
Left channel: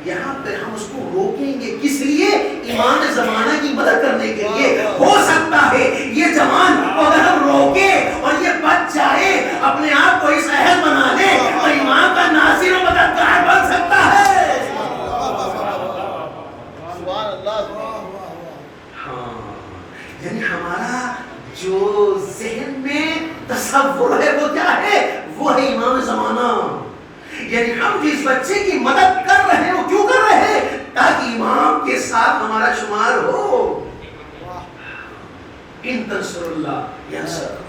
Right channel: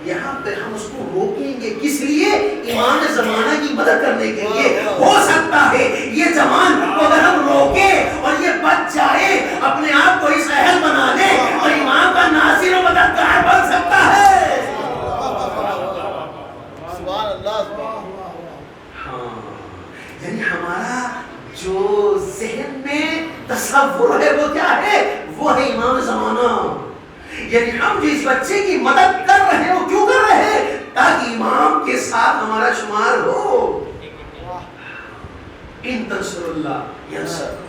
یہاں پہ ہم اس کو روکیں گے، کس لیے؟ امام زمانہ کی مدد کرنے کے لیے. ہو سکتا ہے یہ جوان اگر ہم روکے اور یہ بچ جائے، اپنے آپ کو اس اہل بنا لے تو امام کا ناصر و مددگار بن سکتا ہے. ہاں، یعنی ہمارا جو ذہن میں تصور ہے وہ کیا ہے؟ وہ ہے امام زمانہ. یعنی ہم جس بچے کی مدد کر رہے ہیں وہ کیوں کر رہے ہیں؟ تاکہ امام کے ساتھ ہمارا شمار ہو. ان تنصروا اللہ ینصرکم.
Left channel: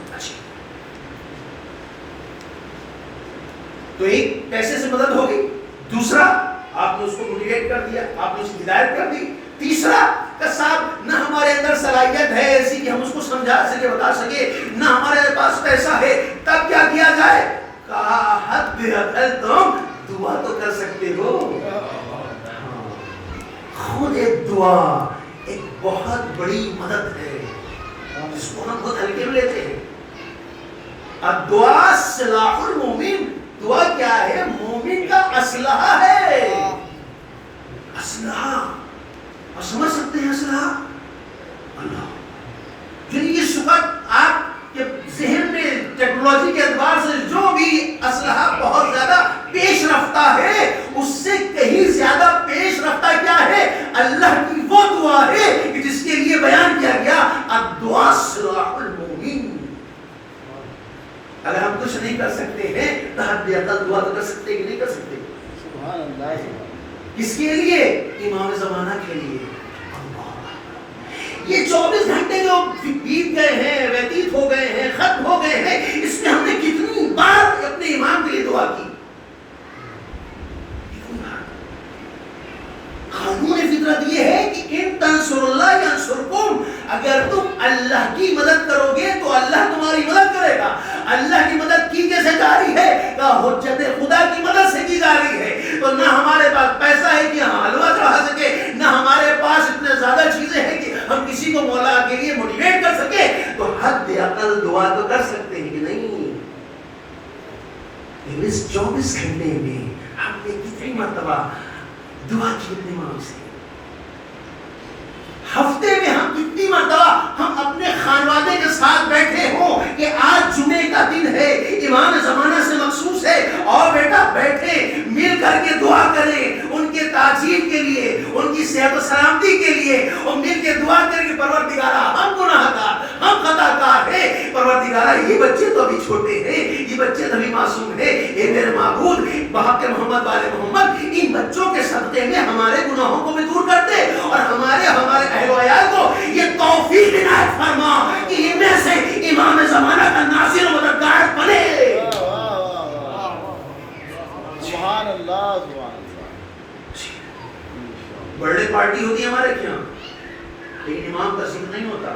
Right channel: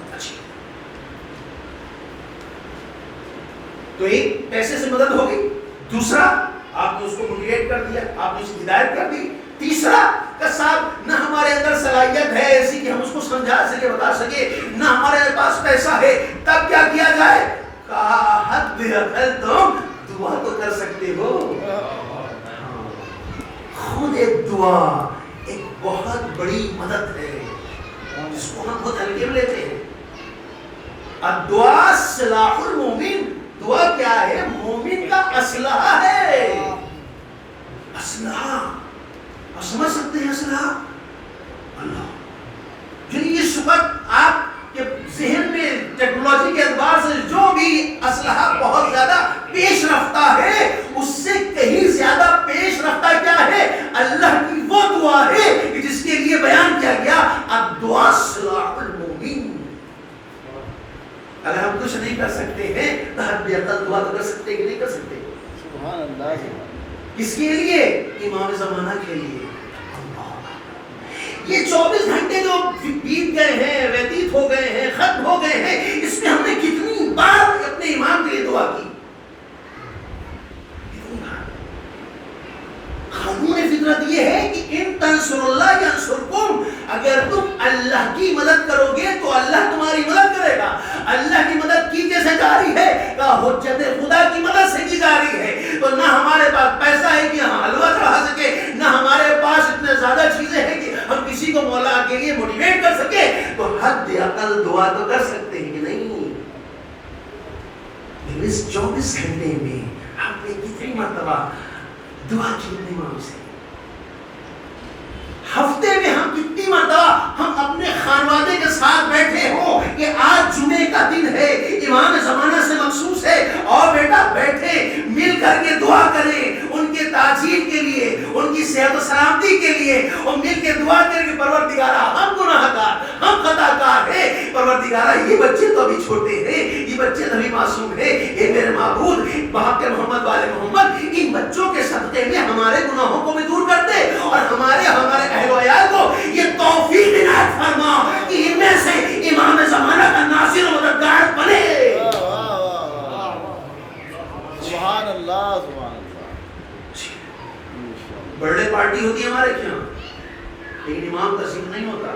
تو ایک پیسے سے مدد ہوگی، دوسرا آپ نے اس کو موٹیویٹ کر دیا، آپ نے اس کی ہدایت کر دی. تیسرا کہ صاحب نہ ہمارے اندر صلاحیت ہے ایسی کہ ہم اس کو سمجھا سکے، بتا سکے، نہ ہمارے پاس پیسہ ہے، تب کیا کیا جائے؟ کہا حد عقل تم دعا تو کر سکتے ہو. خود ایک دعا ایک بہت بڑی مدد ہے جس کو ہم بہت ہلکے میں لیتے ہیں. الدعاء سلاح المومن. دعا کیا ہے؟ مومن کا اسلحہ ہے. اسلحہ آپ سمجھ سکتے ہیں؟ اسلحہ اللہ. یعنی اس وقت آپ کے ذہن میں ٹیکنالوجی کے اعتبار سے جو بھی اسلحہ بہت زیادہ پیش رفتہ ہے، اس سے کہیں زیادہ پیش رفتہ کیا ہے؟ اللہ کی وہ دعا ہے کہ جس کے لیے بیان کیا گیا الدعاء سلاح المومن. اگر ہم کچھ نہیں کر سکتے ہیں تو حد عقل دعا تو کر سکتے کہ نہیں کر سکتے؟ سبحان اللہ. کس کے لیے؟ امام زمانہ کے لیے. یہ 24 گھنٹے جو بیت گئے ہیں، ویتیت ہو گئے ہیں، ختم ہو گئے ہیں، اس میں ہم نے کتنی بار اپنے امام کے لیے دعا کی؟ قانون فطرت یہ ہے کہ ان تنصروا اللہ ینصرکم، اگر تم اللہ کی مدد کرو گے تو اللہ تمہاری مدد کرے گا. اللہ کی مدد کی کیسے جاری ہے؟ کہ حجت خدا کی مدد سے کی جاری ہے. تو نہ ہمارے پاس پیسہ ہے کہ ہم حلوہ چڑھا سکے، نہ ہمارے پاس اتنے زیادہ چیزیں ہیں کہ ہم کسی کو مولا کے لیے موٹیویٹ کر سکے. تو حد عقل دعا تو کر سکتے ہیں کہ نہیں؟ اس 24 گھنٹے میں ہم نے کتنی مرتبہ دعا کی اپنے امام سے؟ ہفتے میں ہم کتنی مرتبہ ہم اپنے خانوادے کے ساتھ بیٹھے ہوں کہ آج جمعے کا دن ہے، امام زمانے سے مخصوص ہے، اور بیٹا بیٹھے مل کر کے دعا کریں ان کے تعجیل کے لیے، ان کی صحت و سلامتی کے لیے، اور مل کے دعا کریں کہ پروردگارہ ہم گناہ گار، ہم خطا کار ہیں، پروردگارہ یہ بچے تو ابھی چھوٹے ہیں، یہ بچے تو ابھی معصوم ہیں، اے میرے معبود بحق محمد والے محمد ان بچوں کے صدقے میں ہمارے گناہوں کو بھی دور کر دے، اور ہمارے اہل و عیال کو یہ توفیق عنایت فرما کہ ان میں سے امام زمانہ کا ناصر و مددگار بنے۔ سبحان اللہ، برتھ ڈے پارٹی ہوتی ہے ہمارے یہاں، لیکن امام کا ذکر نہیں ہوتا،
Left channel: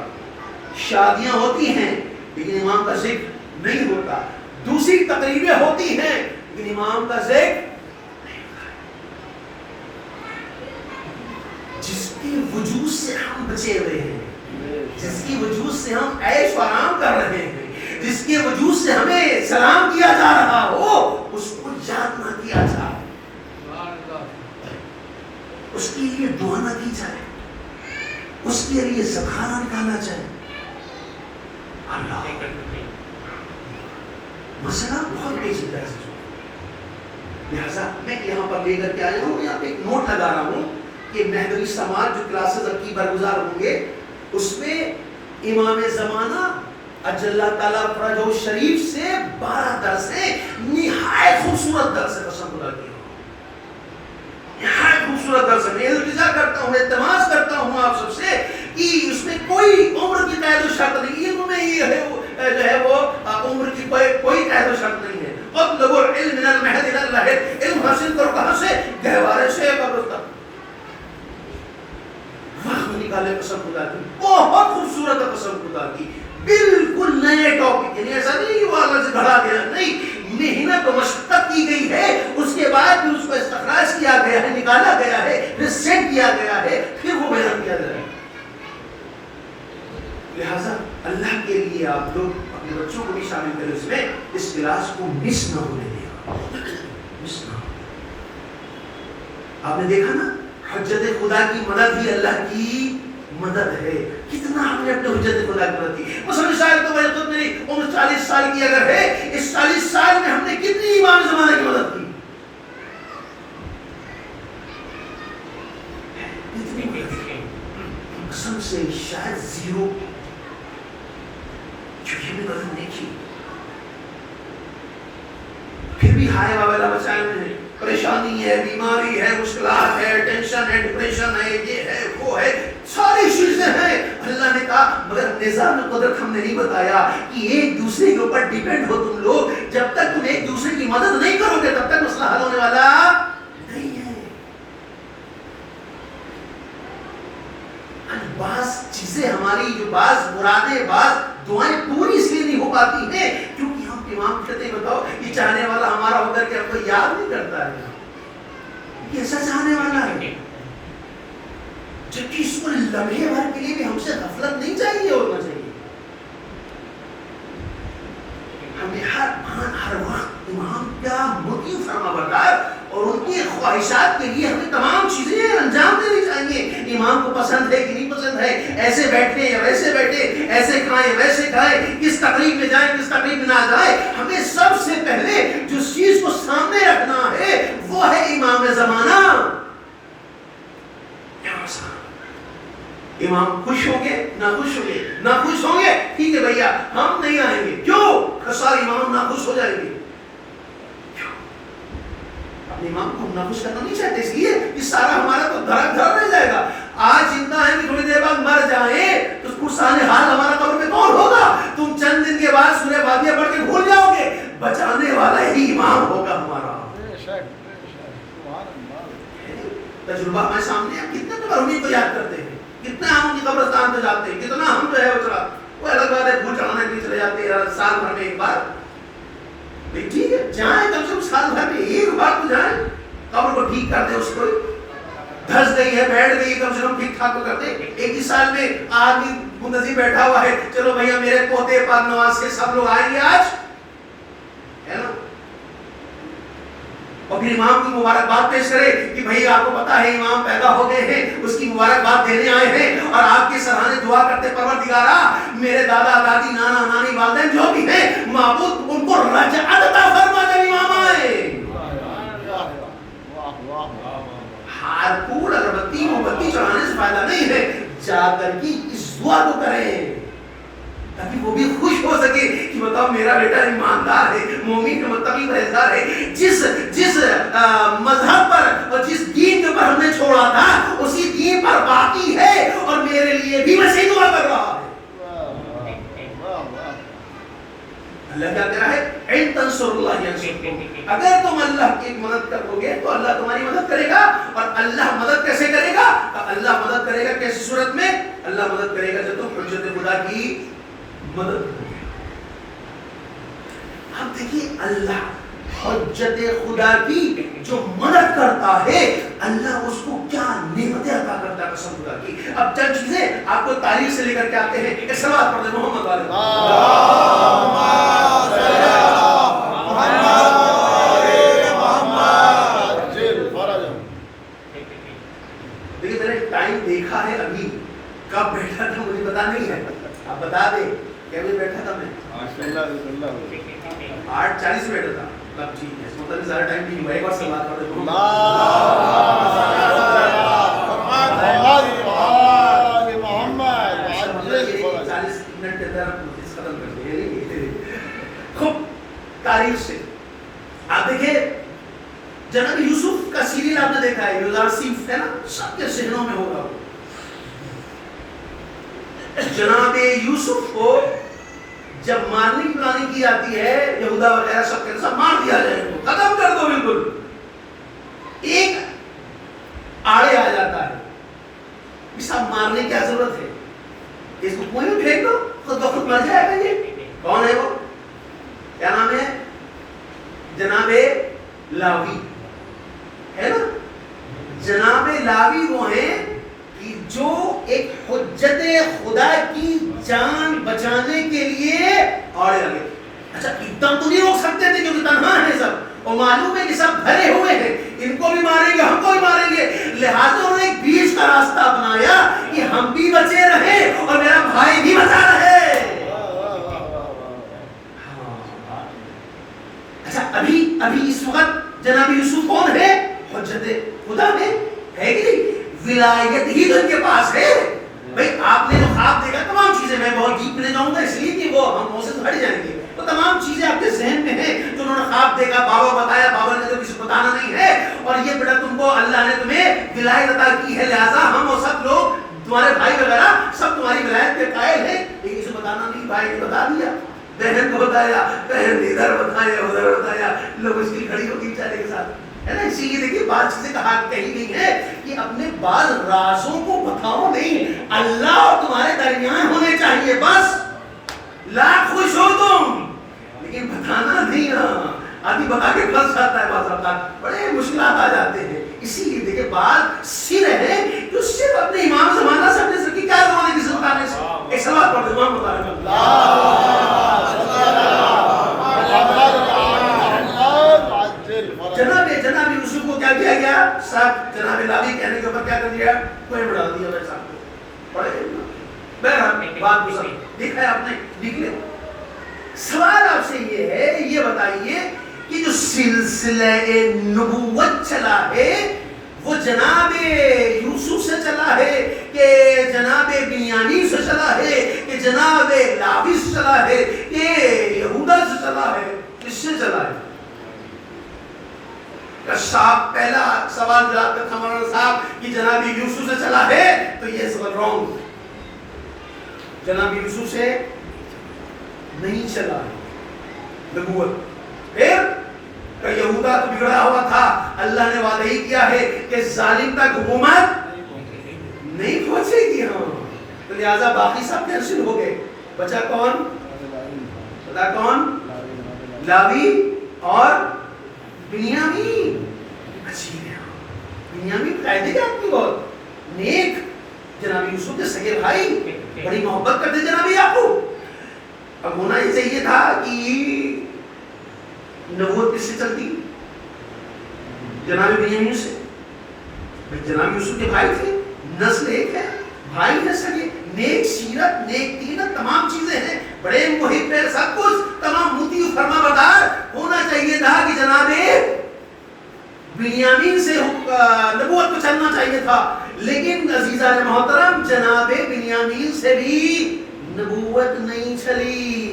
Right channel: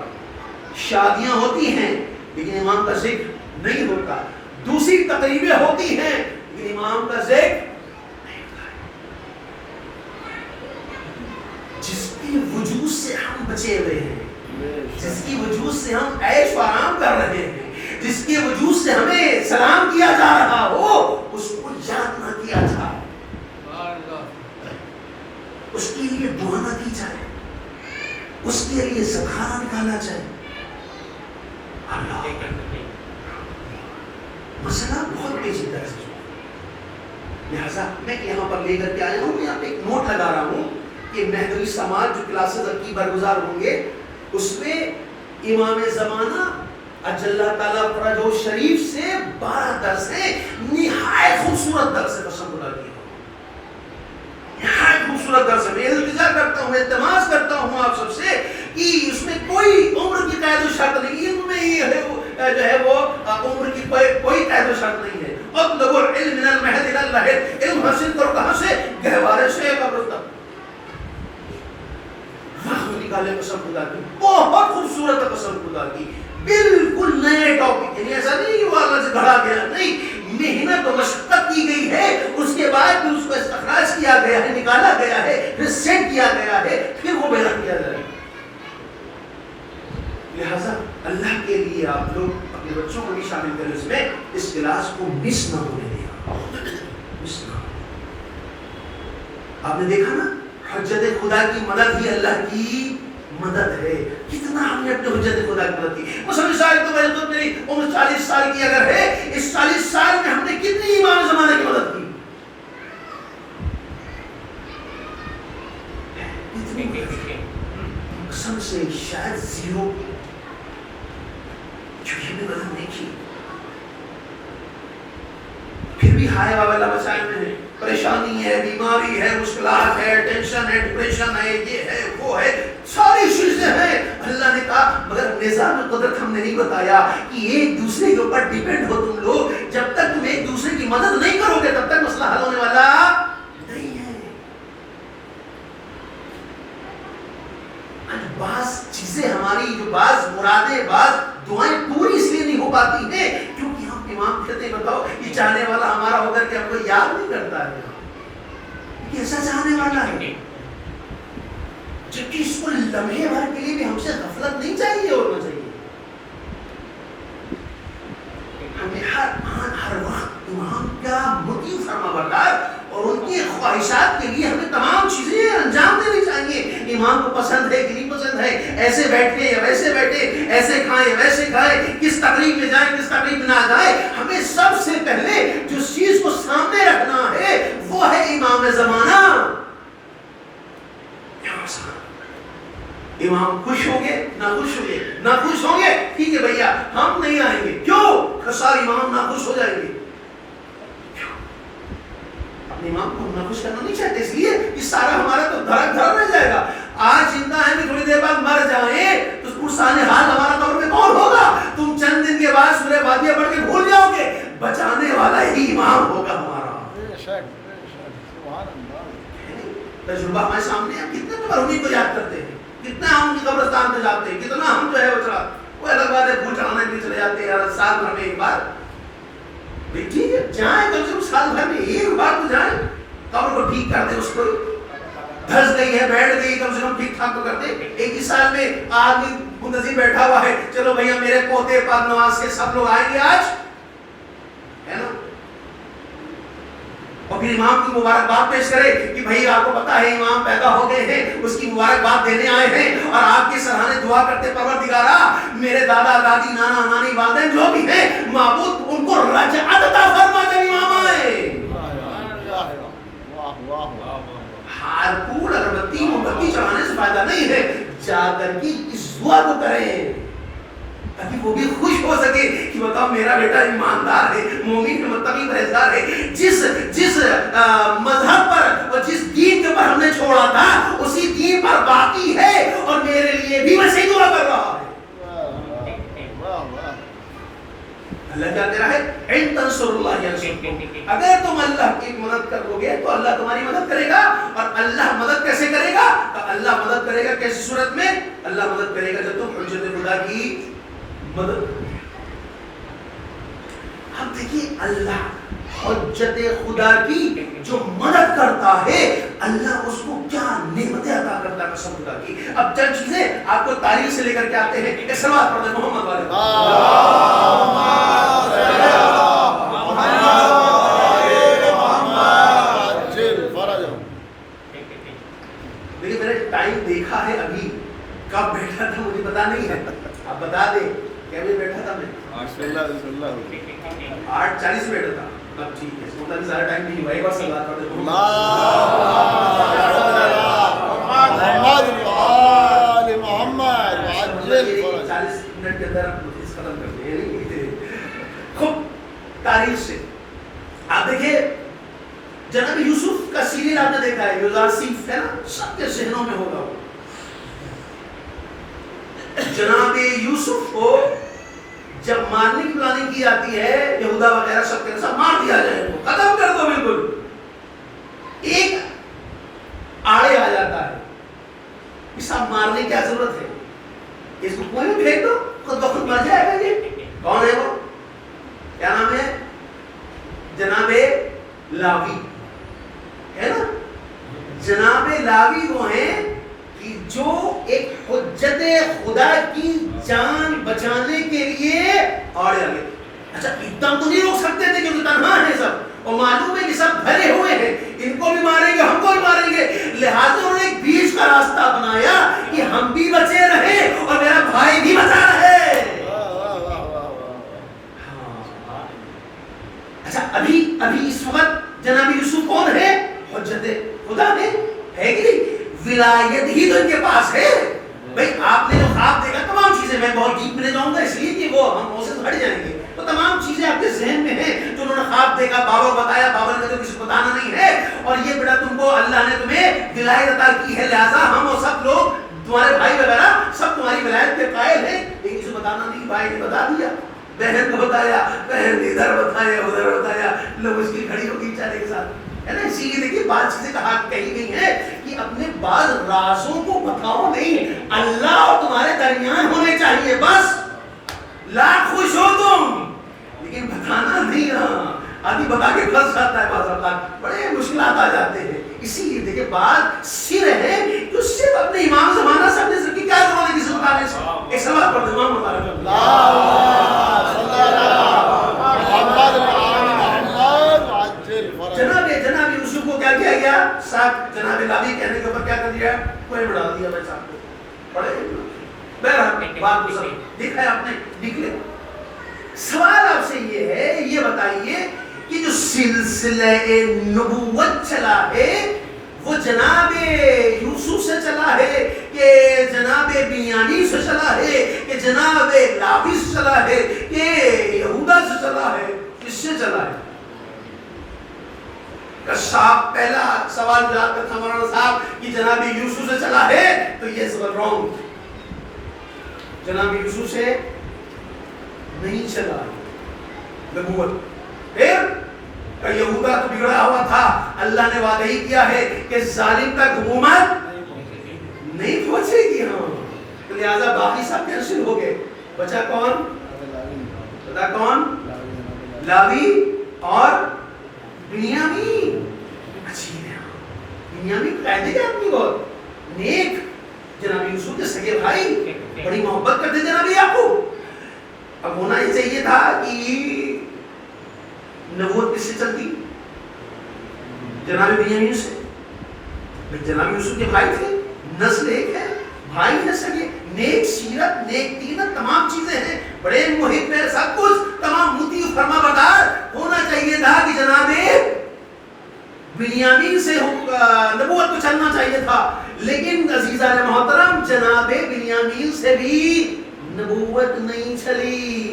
شادیاں ہوتی ہیں لیکن امام کا ذکر نہیں ہوتا، دوسری تقریبیں ہوتی ہیں لیکن امام کا ذکر نہیں ہوتا۔ جس کی وجود سے ہم بچے ہوئے ہیں، جس کی وجود سے ہم عیش و آرام کر رہے ہیں، جس کے وجود سے ہمیں سلام کیا جا رہا ہو، اس کو یاد نہ کیا جائے، اس کے لیے دعا نہ کی جائے، اس کے لیے صدقہ نکالا جائے، اللہ مسئلہ بہت پیچیدہ ہے۔ لہذا میں یہاں پر لے کر کے آیا ہوں، یہاں پہ ایک نوٹ لگا رہا ہوں کہ مہدوی سماج جو کلاسز اب کی برگزار ہوں گے اس میں امام زمانہ اجل اللہ تعالیٰ فرجہ شریف سے 12 درس ہیں، نہایت خوبصورت درس ہے، قسم خدا کی نہایت خوبصورت درس ہے۔ میں التجا کرتا ہوں، التماس کرتا ہوں آپ سب سے کہ اس میں کوئی عمر کی قید و شرط نہیں، علم میں یہ ہے جو ہے وہ عمر کی کوئی قید و شرط نہیں ہے۔ اطلبوا العلم من المهد الى اللحد، علم حاصل کرو کہاں سے؟ گہوارے سے قبر تک۔ وہاں نکالے قسم خدا کی، بہت خوبصورت قسم خدا کی، بالکل نئے ٹاپک، یعنی ایسا نہیں کہ وہ اللہ سے گھڑا گیا، نہیں، محنت و مشقت کی گئی ہے، اس کے بعد پھر اس کو استخراج کیا گیا ہے، نکالا گیا ہے، پھر سیٹ کیا گیا ہے، پھر وہ بیان کیا جائے۔ لہذا اللہ کے لیے آپ لوگ اپنے بچوں کو بھی شامل کریں اس میں، اس کلاس کو مس نہ ہونے دیا، مس نہ۔ آپ نے دیکھا نا، حجت خدا کی مدد ہی اللہ کی مدد ہے۔ کتنا ہم نے اپنے حجت خدا کی مدد کی، مثلا مثال تو میں تو میری عمر 40 سال کی اگر ہے، اس 40 سال میں ہم نے کتنی امام زمانہ کی مدد کی، اتنی قسم سے شاید زیرو جو یہ بھی مدد نہیں کی، پھر بھی ہائے بابا اللہ بچائے ہوئے ہیں، پریشانی ہے، بیماری ہے، مشکلات ہے، ٹینشن ہے، ڈپریشن ہے، یہ ہے وہ ہے، ساری چیزیں ہیں۔ اللہ نے کہا مگر نظام قدرت ہم نے نہیں بتایا کہ ایک دوسرے کے اوپر ڈیپینڈ ہو تم لوگ، جب تک تم ایک دوسرے کی مدد نہیں کرو گے تب تک مسئلہ حل ہونے والا نہیں ہے۔ بعض چیزیں ہماری جو بعض مرادیں، بعض دعائیں پوری اس لیے نہیں ہو پاتی ہیں کیونکہ ہم امام کہتے ہیں بتاؤ یہ چاہنے والا ہمارا ہو کر کے ہم کو یاد نہیں کرتا ہے، کیسا چاہنے والا ہے، جبکہ اس کو لمحے بھر کے لیے بھی ہم سے غفلت نہیں چاہیے، ہونا چاہیے ہمیں ہر آن ہر وقت امام کا مطیع فرما بردار اور ان کی خواہشات کے لیے ہمیں تمام چیزیں انجام دینی چاہیے۔ امام کو پسند ہے کہ نہیں پسند ہے، ایسے بیٹھے یا ویسے بیٹھے، ایسے کھائیں ویسے کھائیں، کس تقریب میں جائیں کس تقریب میں نہ جائیں، ہمیں سب سے پہلے جو چیز کو سامنے رکھنا ہے وہ ہے امام زمانہ۔ امام خوش ہوں گے نہ خوش ہوں گے، نہ خوش ہوں گے ٹھیک ہے بھیا ہم نہیں آئیں گے، کیوں؟ سارے امام نہ خوش ہو جائیں گے، امام کو ہم ناخوش کرنا نہیں چاہتے، اس لیے کہ سارا ہمارا تو دھڑا رہ جائے گا۔ آج زندہ ہیں کہ تھوڑی دیر بعد مر جائیں تو پرسان حال ہمارا قبر میں کون ہوگا؟ تم چند دن کے بعد سورہ واقعہ پڑھ کے بھول جاؤ گے، بچانے والا ہی امام ہوگا ہمارا۔ تجربہ ہمارے سامنے ہے، کتنے تو مرحومین کو یاد کرتے ہیں، کتنا ہم ان کی قبرستان پہ جاتے ہیں، کتنا ہم جو ہے وہ الگ بات ہے بھول چڑھانے کے لیے چلے جاتے ہیں سال بھر میں ایک بار۔ ٹھیک ہے جائیں کم سے کم سال بھر میں ایک بار تو جائیں، قبر کو ٹھیک کر دیں، اس کو دھس گئی ہے بیٹھ گئی کم سے کم ٹھیک ٹھاک کر دیں۔ ایک ہی سال میں آدمی منتظر بیٹھا ہوا ہے، چلو بھیا میرے پوتے پاک نواز کے سب لوگ آئیں گے آج، ہے نا؟ اور پھر امام کو مبارکباد پیش کرے کہ بھائی آپ کو پتا ہے امام پیدا ہو گئے ہیں، اس کی مبارکباد دینے آئے ہیں اور آپ کے سرانے دعا کرتے پروردگارا میرے دادا دادی نانا نانی والدین جو بھی ہیں معبود ان کو رجعت عطا فرما جب امام آئے۔ ہارپور اگربتی مومبتی چڑھانے سے فائدہ نہیں ہے، جا کر کے اس دعا کو کریں تاکہ وہ بھی خوش ہو سکے کہ بتاؤ میرا بیٹا ایماندار ہے، مومن ہے، متقی پرہیزگار ہے، جس مذہب پر اور جس دین کے پر ہم نے چھوڑا تھا اسی دین پر باقی ہے اور میرے لیے بھی ویسے دعا کر رہا ہے۔ اللہ کیا کہہ رہا ہے؟ ان تنصر اللہ ینصرکم، اگر تم اللہ کی مدد کرو گے تو اللہ تمہاری مدد کرے گا۔ اور اللہ مدد کیسے کرے گا؟ اللہ مدد کرے گا کیسی صورت میں؟ اللہ مدد کرے گا جب تم حجت خدا کی مدد کرو گے۔ اب دیکھیے اللہ حجت خدا کی جو مدد کرتا ہے اللہ اس کو کیا نعمتیں عطا کرتا ہے قسم خدا کی۔ اب چند چیزیں آپ کو تاریخ سے لے کر کے آتے ہیں، ایک صلوات پڑھ دیں محمد والے دیکھیے میں نے ٹائم دیکھا ہے ابھی کب بیٹھا تھا مجھے پتا نہیں ہے، آپ بتا دیں کہ ابھی بیٹھا تھا میں 8:40 بیٹھا تھا تب، ٹھیک ہے مطلب زیادہ ٹائم نہیں ہوا، ایک بار سے بات کر دیں محمد 40 منٹ کے اندر اس ختم کر دیں۔ خوب تاریخ سے آپ دیکھیں جناب یوسف کا سیریل آپ نے دیکھا ہے، یوسف ہے نا، سب کے ذہنوں میں ہوگا۔ جناب یوسف کو جب مارنے کی پلاننگ کی جاتی ہے یہودا وغیرہ سب کے سب مار دیا جائے، ختم کر دو بالکل، ایک آڑے آ جاتا ہے کہ سب مارنے کی کیا ضرورت ہے، اس کو کنویں میں پھینک دو خود بخود مر جائے گا۔ یہ کون ہے؟ وہ کیا نام ہے؟ جناب لاوی ہے نا۔ جناب لاوی وہ ہیں کہ جو ایک حجت خدا کی جان بچانے کے لیے آڑے لگے۔ اچھا ایک دم تو نہیں روک سکتے تھے کیونکہ تنہا ہے سب اور معلوم ہے کہ سب بھرے ہوئے ہیں، ان کو بھی ماریں گے ہم کو بھی ماریں گے، لہٰذا انہوں نے ایک بیچ کا راستہ اپنایا کہ ہم بھی بچے رہے اور میرا بھائی بھی بچا رہے۔ اچھا ابھی اس وقت جناب یوسف کون ہے؟ حجت خدا ہے کہ نہیں؟ ولایت ہی تو ان کے پاس ہے۔ بھائی آپ نے جو خواب دیکھا تمام چیزیں، میں بہت ڈیپ میں جاؤں گا اس لیے کہ وہ ہم سے ہٹ جائیں گے، وہ تمام چیزیں آپ کے ذہن میں ہیں جو انہوں نے خواب دیکھا، بابا بتایا، بابا نے تو کسی کو بتانا نہیں ہے، اور یہ بیٹا تم کو اللہ نے تمہیں ولایت عطا کی ہے، لہٰذا ہم وہ سب لوگ تمہارے بھائی وغیرہ سب تمہاری ولایت کے قائل ہیں، لیکن کسی کو بتانا نہیں۔ بھائی نے بتا دیا، بہن کو بتایا، بہن نے ادھر بتایا ادھر بتایا، لوگ اس کی کھڑی ہوگی بیچارے کے ساتھ، ہے نا۔ اسی لیے دیکھیے بعض چیزیں کہی گئی ہیں کہ اپنے بعض رازوں کو بتاؤ نہیں، اللہ اور تمہارے درمیان ہونے چاہیے، بس لاکھ خوش ہو تم، لیکن بتانا نہیں۔ آدمی بتا کے پھنس جاتا ہے، بعض اوقات بڑے مشکلات آ جاتے ہیں۔ اسی لیے دیکھیں بعض سر ہے جو صرف اپنے امام زمانہ سے اپنے سر کی کیا کروانے کی سمجھانے سے ایک سلوات پڑھ دیں امام مطالعہ جناب یوسف کو کیا کیا گیا؟ صاحب جناب لاوی کہنے کے اوپر کیا کر دیا؟ کوئی بڑھا دیا بھائی صاحب کو، پڑھے بہرحال بات کو سب دیکھا ہے آپ نے، لکھ لیا۔ سوال آپ سے یہ ہے، یہ بتائیے کہ جو سلسلہ نبوت چلا ہے وہ جناب یوسف سے چلا ہے کہ جناب بنیامین سے چلا ہے کہ جناب لاوی سے چلا ہے کہ یہودا سے چلا ہے، کس سے چلا ہے؟ صاحب پہلا سوال جواب تھا مولانا صاحب کہ جناب یوسف سے چلا ہے تو یہ سوال رونگ، جناب یوسف سے نہیں چلا ہے نبوت۔ پھر یہودا تو بگڑا ہوا تھا، اللہ نے وعدہ ہی کیا ہے کہ ظالم تک حکومت نہیں پہنچے گی، ہاں تو لہٰذا باقی سب کینسل ہو گئے، بچا کون؟ بتا کون؟ لاوی اور بنیامین۔ اچھی ہے بنیامین قائدے کے آدمی بہت نیک، جناب یوسف کے سگے بھائی، بڑی محبت کرتے جناب یعقوب۔ اب ہونا یہ چاہیے تھا کہ نبوت کس سے چلتی؟ جناب بنیامین سے، جناب یوسف کے بھائی تھے، نسل ایک ہے، بھائی ہے سگے، نیک سیرت، نیک دینت، تمام چیزیں ہیں، بڑے محب ہے، سب کچھ تمام مطیع و فرما بردار ہونا چاہیے تھا کہ جناب بنیامین سے نبوت کو چلنا چاہیے تھا، لیکن عزیزان محترم جناب بنیامین سے بھی نبوت نہیں چلی۔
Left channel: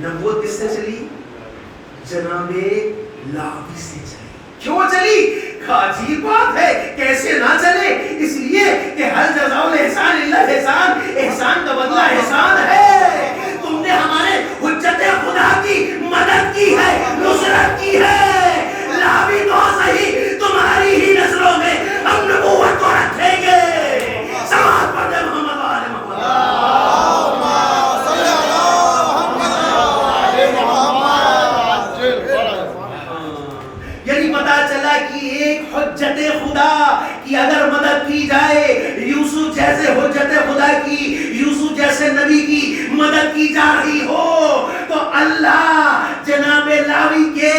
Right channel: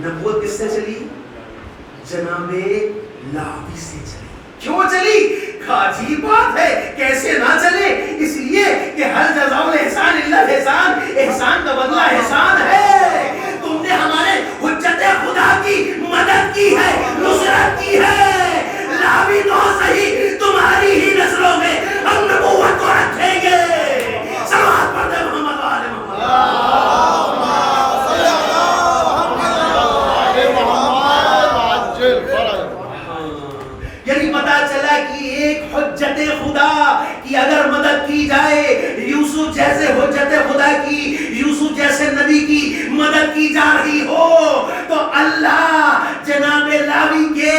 نبوت کس سے چلی؟ جناب لاوی سے چلی۔ کیوں چلی؟ عجیب بات ہے، کیسے نہ چلے؟ اس لیے کہ ہر جزاء الاحسان الا الاحسان، احسان کا بدلہ احسان ہے۔ تم نے ہمارے حجت خدا کی مدد کی ہے، نصرت کی ہے، لاوی تو صحیح تمہاری ہی نسلوں میں ہم نبوت کو رکھیں گے۔ صلوات پڑھتے محمد وآل محمد۔ یعنی پتا چلا کہ ایک حجت خدا کی اگر مدد کی جائے، یوسف جیسے حجت خدا کی، یوسف جیسے نبی کی مدد کی جا رہی ہو، تو اللہ جناب لاوی کے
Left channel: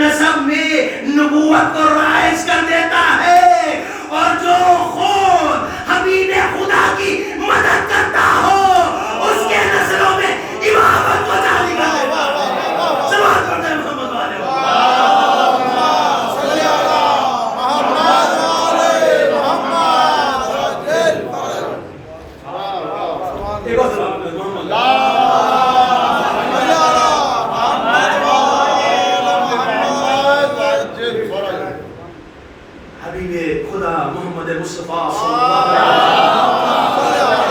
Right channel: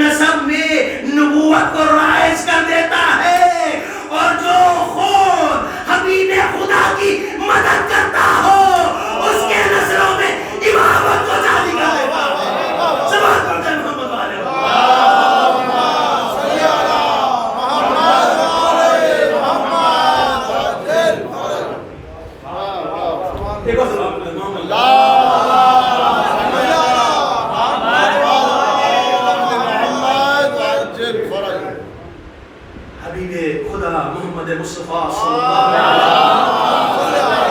نسب میں نبوت کو رائج کر دیتا ہے، اور جو خود حبیب خدا کی مدد کرتا ہو اس کے نسلوں میں امامت کو جاری کر دیتا ہے۔ سلوات پڑھتے ہیں محمد والے حبیب خدا محمد مصطفیٰ صلی اللہ علیہ وسلم۔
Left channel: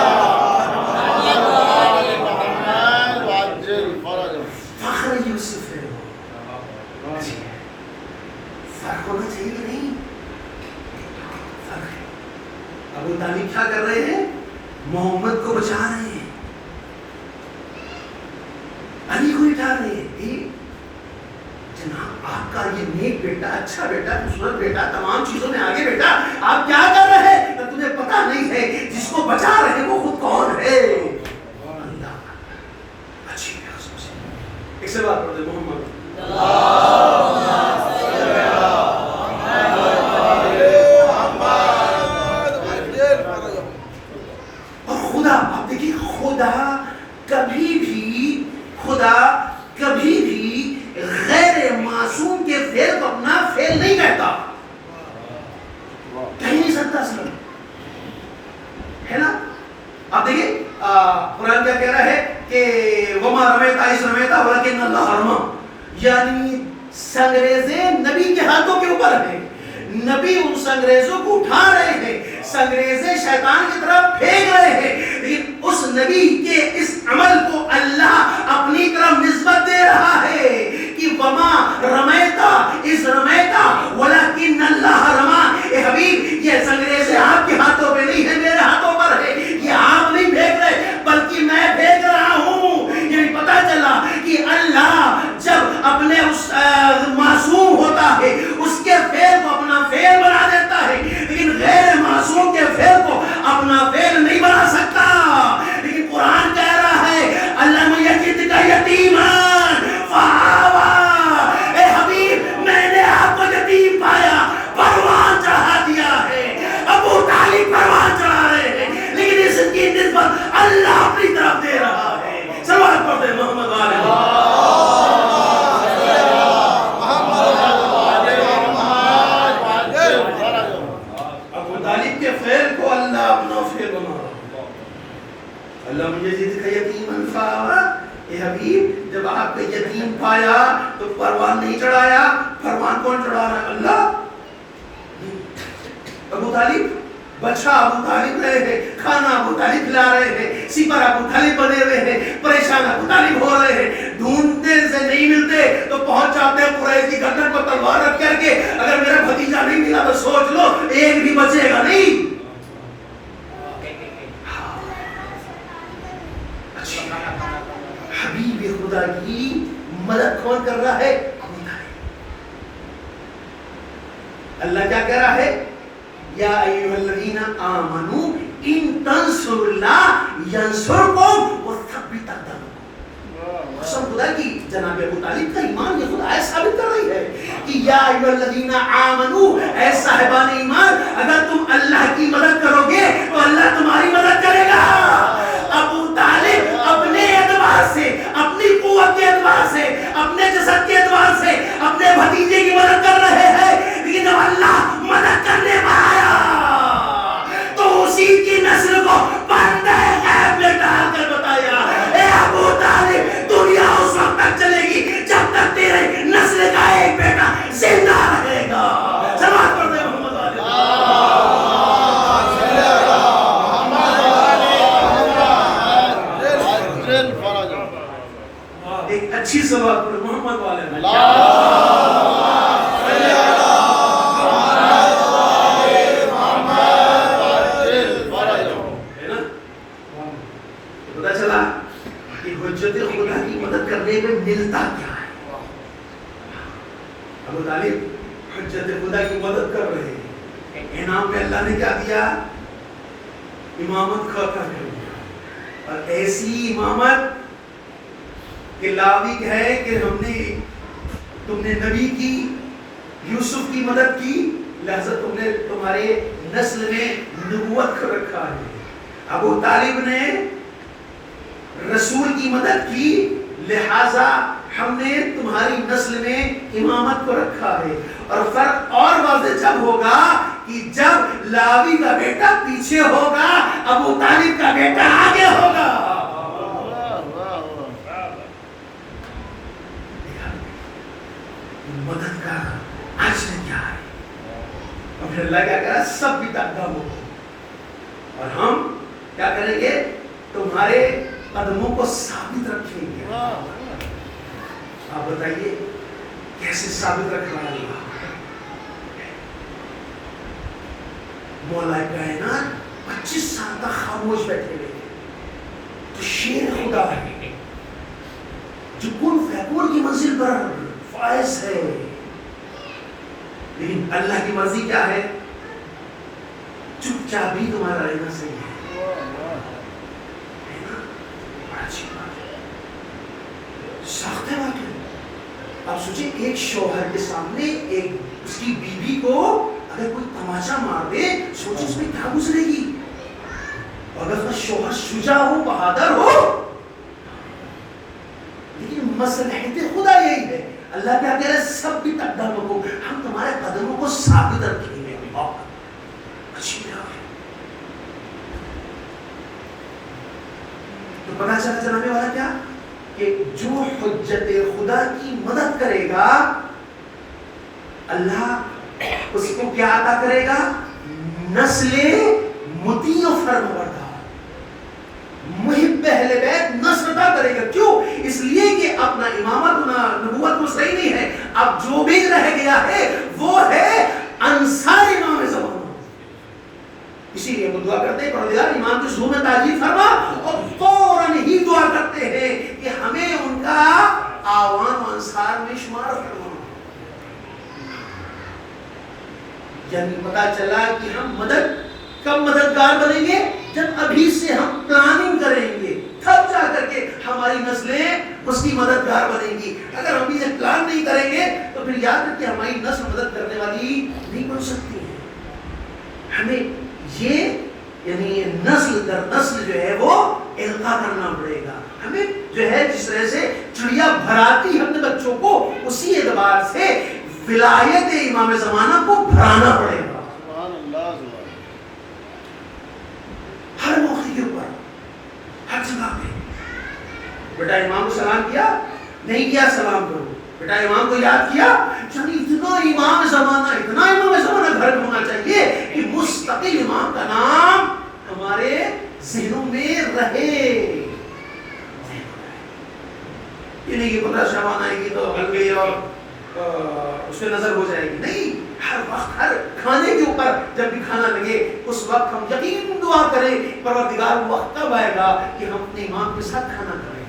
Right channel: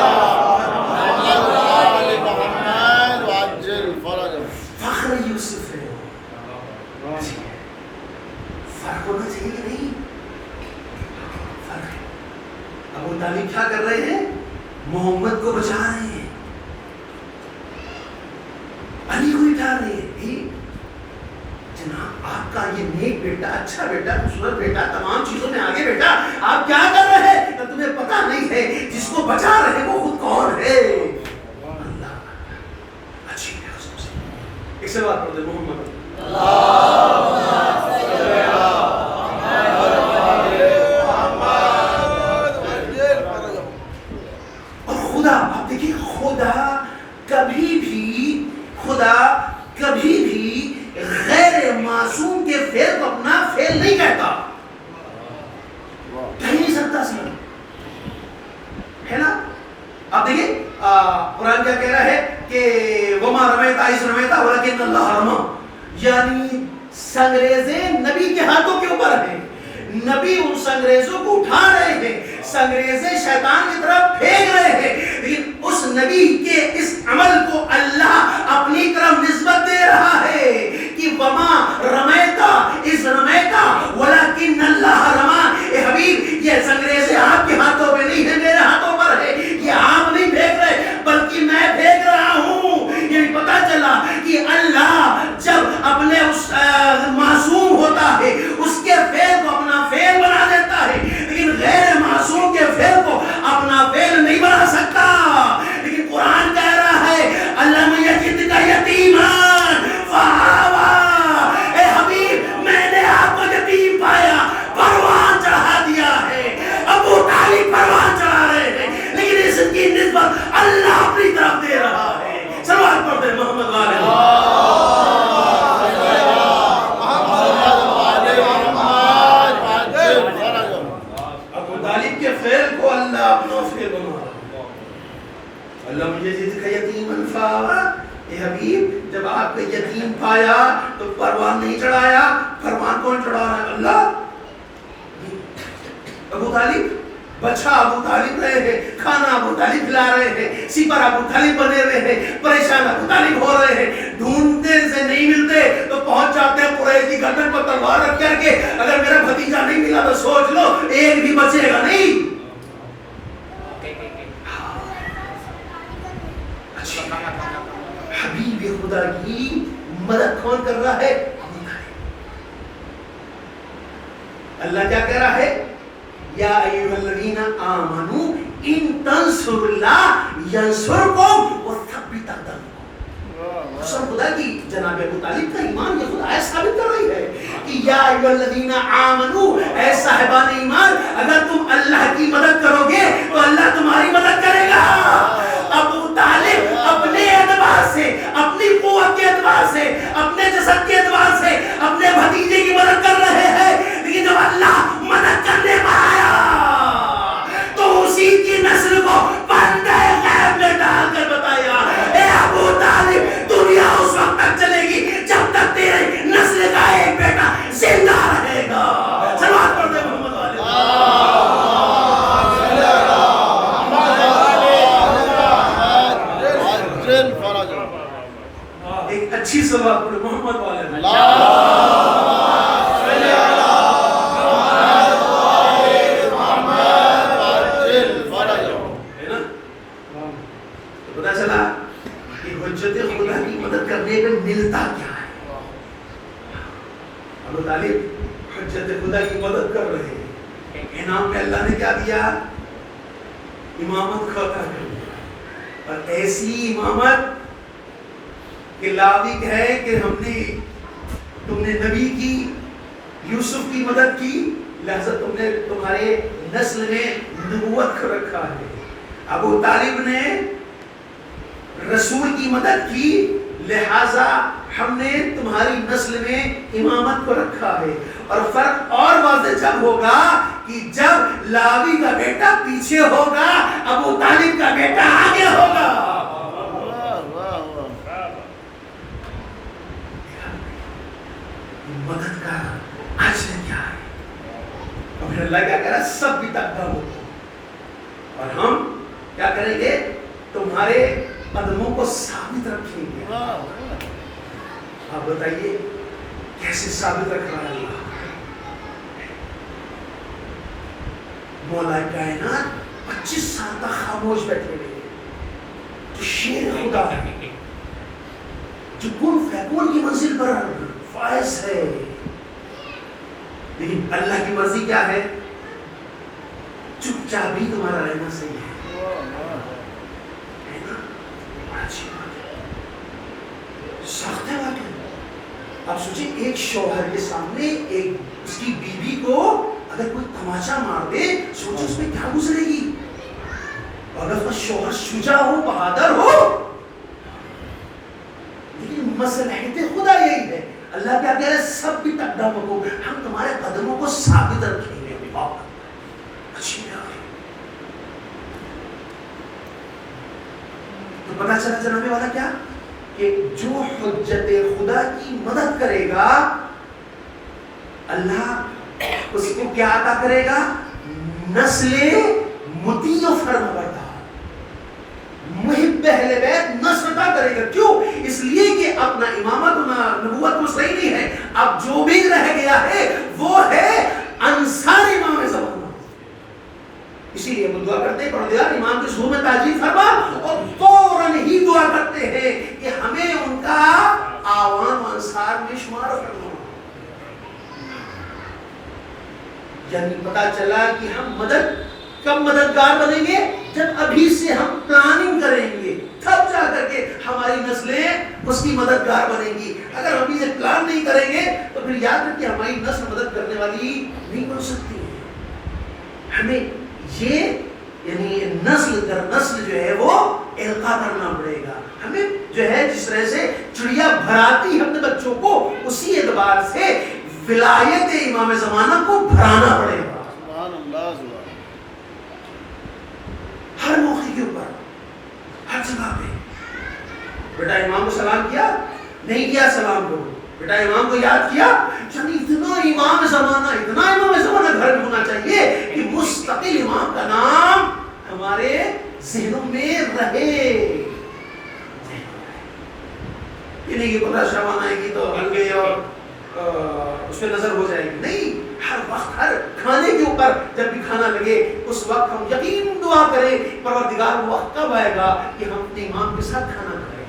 فخر یوسف ہے، فرق ہونا چاہیے کہ نہیں؟ ابو طالب کیا کر رہے ہیں؟ محمد کو بچا رہے ہیں، علی کو اٹھا رہے ہیں۔ جناب آپ کا یہ نیک بیٹا، اچھا بیٹا، خوبصورت بیٹا، تمام چیزوں میں آگے بیٹا، آپ کیا کر رہے ہیں؟ تمہیں پتا نہیں ہے جس کو بچا رہے ہیں وہ خود کون ہے؟ اللہ۔ اچھی بات سے ایک سے بات پڑھتے محمد اور خدا، آپ دیکھیے خدا کبھی بھی غیر معصوم کے فعل کو اپنا فعل نہیں کہتا، کہہ نہیں سکتا سر، ہے نا؟ آپ دیکھیں قرآن کیا کہہ رہا ہے کہ وما رمیتا اذ رمیتا ولکن اللہ رمی، یعنی سنگریزیں نبی کے ہاتھوں کے اوپر ہیں، نبی ان سنگریزوں کو اٹھا رہے ہیں، سنگریزیں شیطان کی طرف پھینک رہے ہیں، لیکن اس نبی کے اس عمل کو اللہ اپنی طرف نسبت دے رہا ہے کہ وما رمیتا اذ رمیتا ولکن اللہ رمی۔ اے حبیب، یہ سنگریزیں آپ کے ہاتھوں پہ نہیں ہیں، میرے ہاتھوں پر ہے، یہ آپ نہیں پھینک رہے بلکہ میں پھینک رہا ہوں۔ یہ پتا چلا کہ اللہ جب اپنے اس معصوم ہوتا ہے اس کے فعل کو اپنا فعل بنا دیتا ہے، لیکن غیر معصوم کے فعل کو اپنا فعل نہیں بنا سکتا۔ لیکن قرآن کہہ رہا ہے اللہ میں یجد کا یتیمان فآوا، اے حبیب میں نے آپ کو یتیم پایا، پروان چڑھا دیا ہے۔ ابو طالب پروان چڑھا رہے ہیں، لیکن اس کی نسبت اللہ اپنی طرف دے رہا ہے۔ صلوات پڑھتے محمد والے ابو طالب کے فعل کو اللہ اپنا فعل بنا رہا ہے۔ اللہ مجھے جس کا یتیماً فآوا، اے حبیب جب آپ کا یتیم پایا تو پروان نہیں چڑھایا، پروان کون چڑھا رہا ہے؟ اللہ۔ ابو طالب بچہ ابو طالب رہے ہیں، کھانا ابو طالب کھلا رہے ہیں، سپر ابو طالب بنے ہوئے ہیں، پریشان ابو طالب ہو رہے ہیں، ڈھونڈتے سے نہیں ملتے تو پہنچ جاتے ہیں قریش کی گردن پر تلوار رکھ کر کے، اگر میرا بھتیجا نہیں ملا تو سوچ لو ایک بھی بچے گا نہیں۔ حبیب خدا کی مدد کون کر رہا ہے؟ اللہ کیا کہہ رہا ہے؟ یا ایھا الذین آمنوا ان تنصروا اللہ ینصرکم وثبت اقدامکم۔ قسم خدا کی جناب ابو طالب کا ایمان یہ خود آیت ثابت کر رہی ہے کہ یا ایھا الذین آمنو، اے صاحبان ایمان، اگر تم اللہ کی مدد کرو گے تو اللہ تمہاری مدد کرے گا۔ ابو طالب اپنے اعتبار سے، اپنی قوت کے اعتبار سے، اپنے جسد کے اعتبار سے اپنے بھتیجے کی مدد کر رہے ہیں، لیکن جب اللہ مدد کرنے میں آیا تو اسی کی نسل کو پردہ غیب میں ڈال کر بتایا، اے ابو طالب، دنیا اس وقت تک چلے گی جب تک تیرے نسل کا ایک بیٹا زندہ رہے گا۔ صلوات پڑھتے محمد والے۔ ایک اچھی صلوات پڑھو محمد والے میں۔ پتا چلا کہ حجت خدا کی مدد کرنے میں ملتا کیا ہے۔ ابو طالب حجت خدا کی مدد کر رہے ہیں، انعام میں اللہ نے کیا دیا؟ امامت خطا کر دیا، اور ایسی امامت کہ لاوی کہے کہ تم نے نبی کی، یوسف کی مدد کی، لہذا تم نے تمہارے نسل میں نبوت کو رکھا ہے۔ ابو طالب نے رسول کی مدد کی، لہذا ہم نے تمہاری نسل میں امامت کو رکھا ہے۔ اور فرق اور واضح جب ہوگا کہ جب لاوی کا بیٹا پیچھے ہوگا، ابو طالب کا بیٹا آگے ہوگا۔ مدد کا آج میں کیا ہے؟ تو پھر اللہ کیا کہہ رہا ہے؟ سب بھی تقدم ہو، اور ہم کیا کریں گے؟ تمہارے قدموں کو ثابت رکھیں گے۔ آپ بتائیے کیسے ثابت رکھ رہا ہے اللہ؟ مولا کائنات 25 سال تک خاموش بیٹھے ہوئے، تو شیر خدا ہے جو کن فیکون کی منزل پر فائز ہے، لیکن اللہ کی مرضی کیا ہے؟ چپ چاپ بھی تمہارا رہنا صحیح ہے۔ سخت بات ہے۔ آپ سوچیں ایک شوہر کے سامنے ایک اس کی بیوی کو اگر کوئی تماچا مار دے، سوچو اس میں کیا گزرے گی؟ اگر اس کا شوہر شجاع ہو، بہادر ہو، لیکن مصلحت خدا یہی ہے۔ اللہ کیا کہہ رہے ہیں؟ سب بھی تقدموں کو، ہم تمہارے قدموں کو ثابت رکھیں گے۔ اچھی بات ہے۔ تو پتہ چلا جناب والا کیا کہ جو حجت خدا کی مدد کرے گا، اللہ اس کو کیا عطا کرے گا؟ نسل مطیع و فرمانبردار، محب اہل بیت نسل عطا کرے گا۔ کیوں؟ اس لیے کہ اپنا امامت ہونا، نبوت وہ صحیح نہیں ہے، اب جو بھی رہ گیا ہے وہ ہے انصار امام زمانہ۔ اسی لیے ہم دعا کرتے ہیں پروردگار امام کی ظہور میں تاجیل فرما، اور فوراً ہی دعا کرتے ہیں کہ ہمیں ان کا عوام انصار میں شمار فرما۔ یعنی پتا چلا کہ ہم کب مددگار بنیں گے؟ جب ابھی سے ہم پلاننگ کریں گے، تب جا کر کے ہماری نسلیں اس کی مددگار بنیں گی۔ اگر ہم ابھی سے پلان نہیں کریں گے تو پھر یاد رکھیں ہماری نسل مدد کرنے والی نہیں بن سکتی ہے۔ ہمیں یہ یعنی نسل در نسل جو ہے وہ القاء کرنا پڑے گا۔ ہمیں جو ہے جس طرح سے چڑیا بھراتی اپنے بچوں کو، اسی اعتبار سے ولایت امام زمانہ کو بھرانا پڑے گا۔ ہر موقع کے اوپر، ہر جگہ پہ بیٹا امام کو سلام کیا نہیں کیا، سلام کرو۔ بیٹا امام کو یاد کیا، یعنی اتنا امام زمانہ گھر میں ہونا چاہیے کہ مستقل امام کا نام ہمارے ذہنوں میں رہے۔ یہ نہیں کہ 15 شعبان آئے گی تو ہلکے اور اس پہ نظر ہو جائے گی، نہیں، ہر وقت ہر کھانے کے اوپر جب بھی کھانا لگے اس وقت ہم یقین دعا کریں پروردگار وہ وقت کب آئے گا کہ ہم اپنے امام کے ساتھ کھانا کھائیں،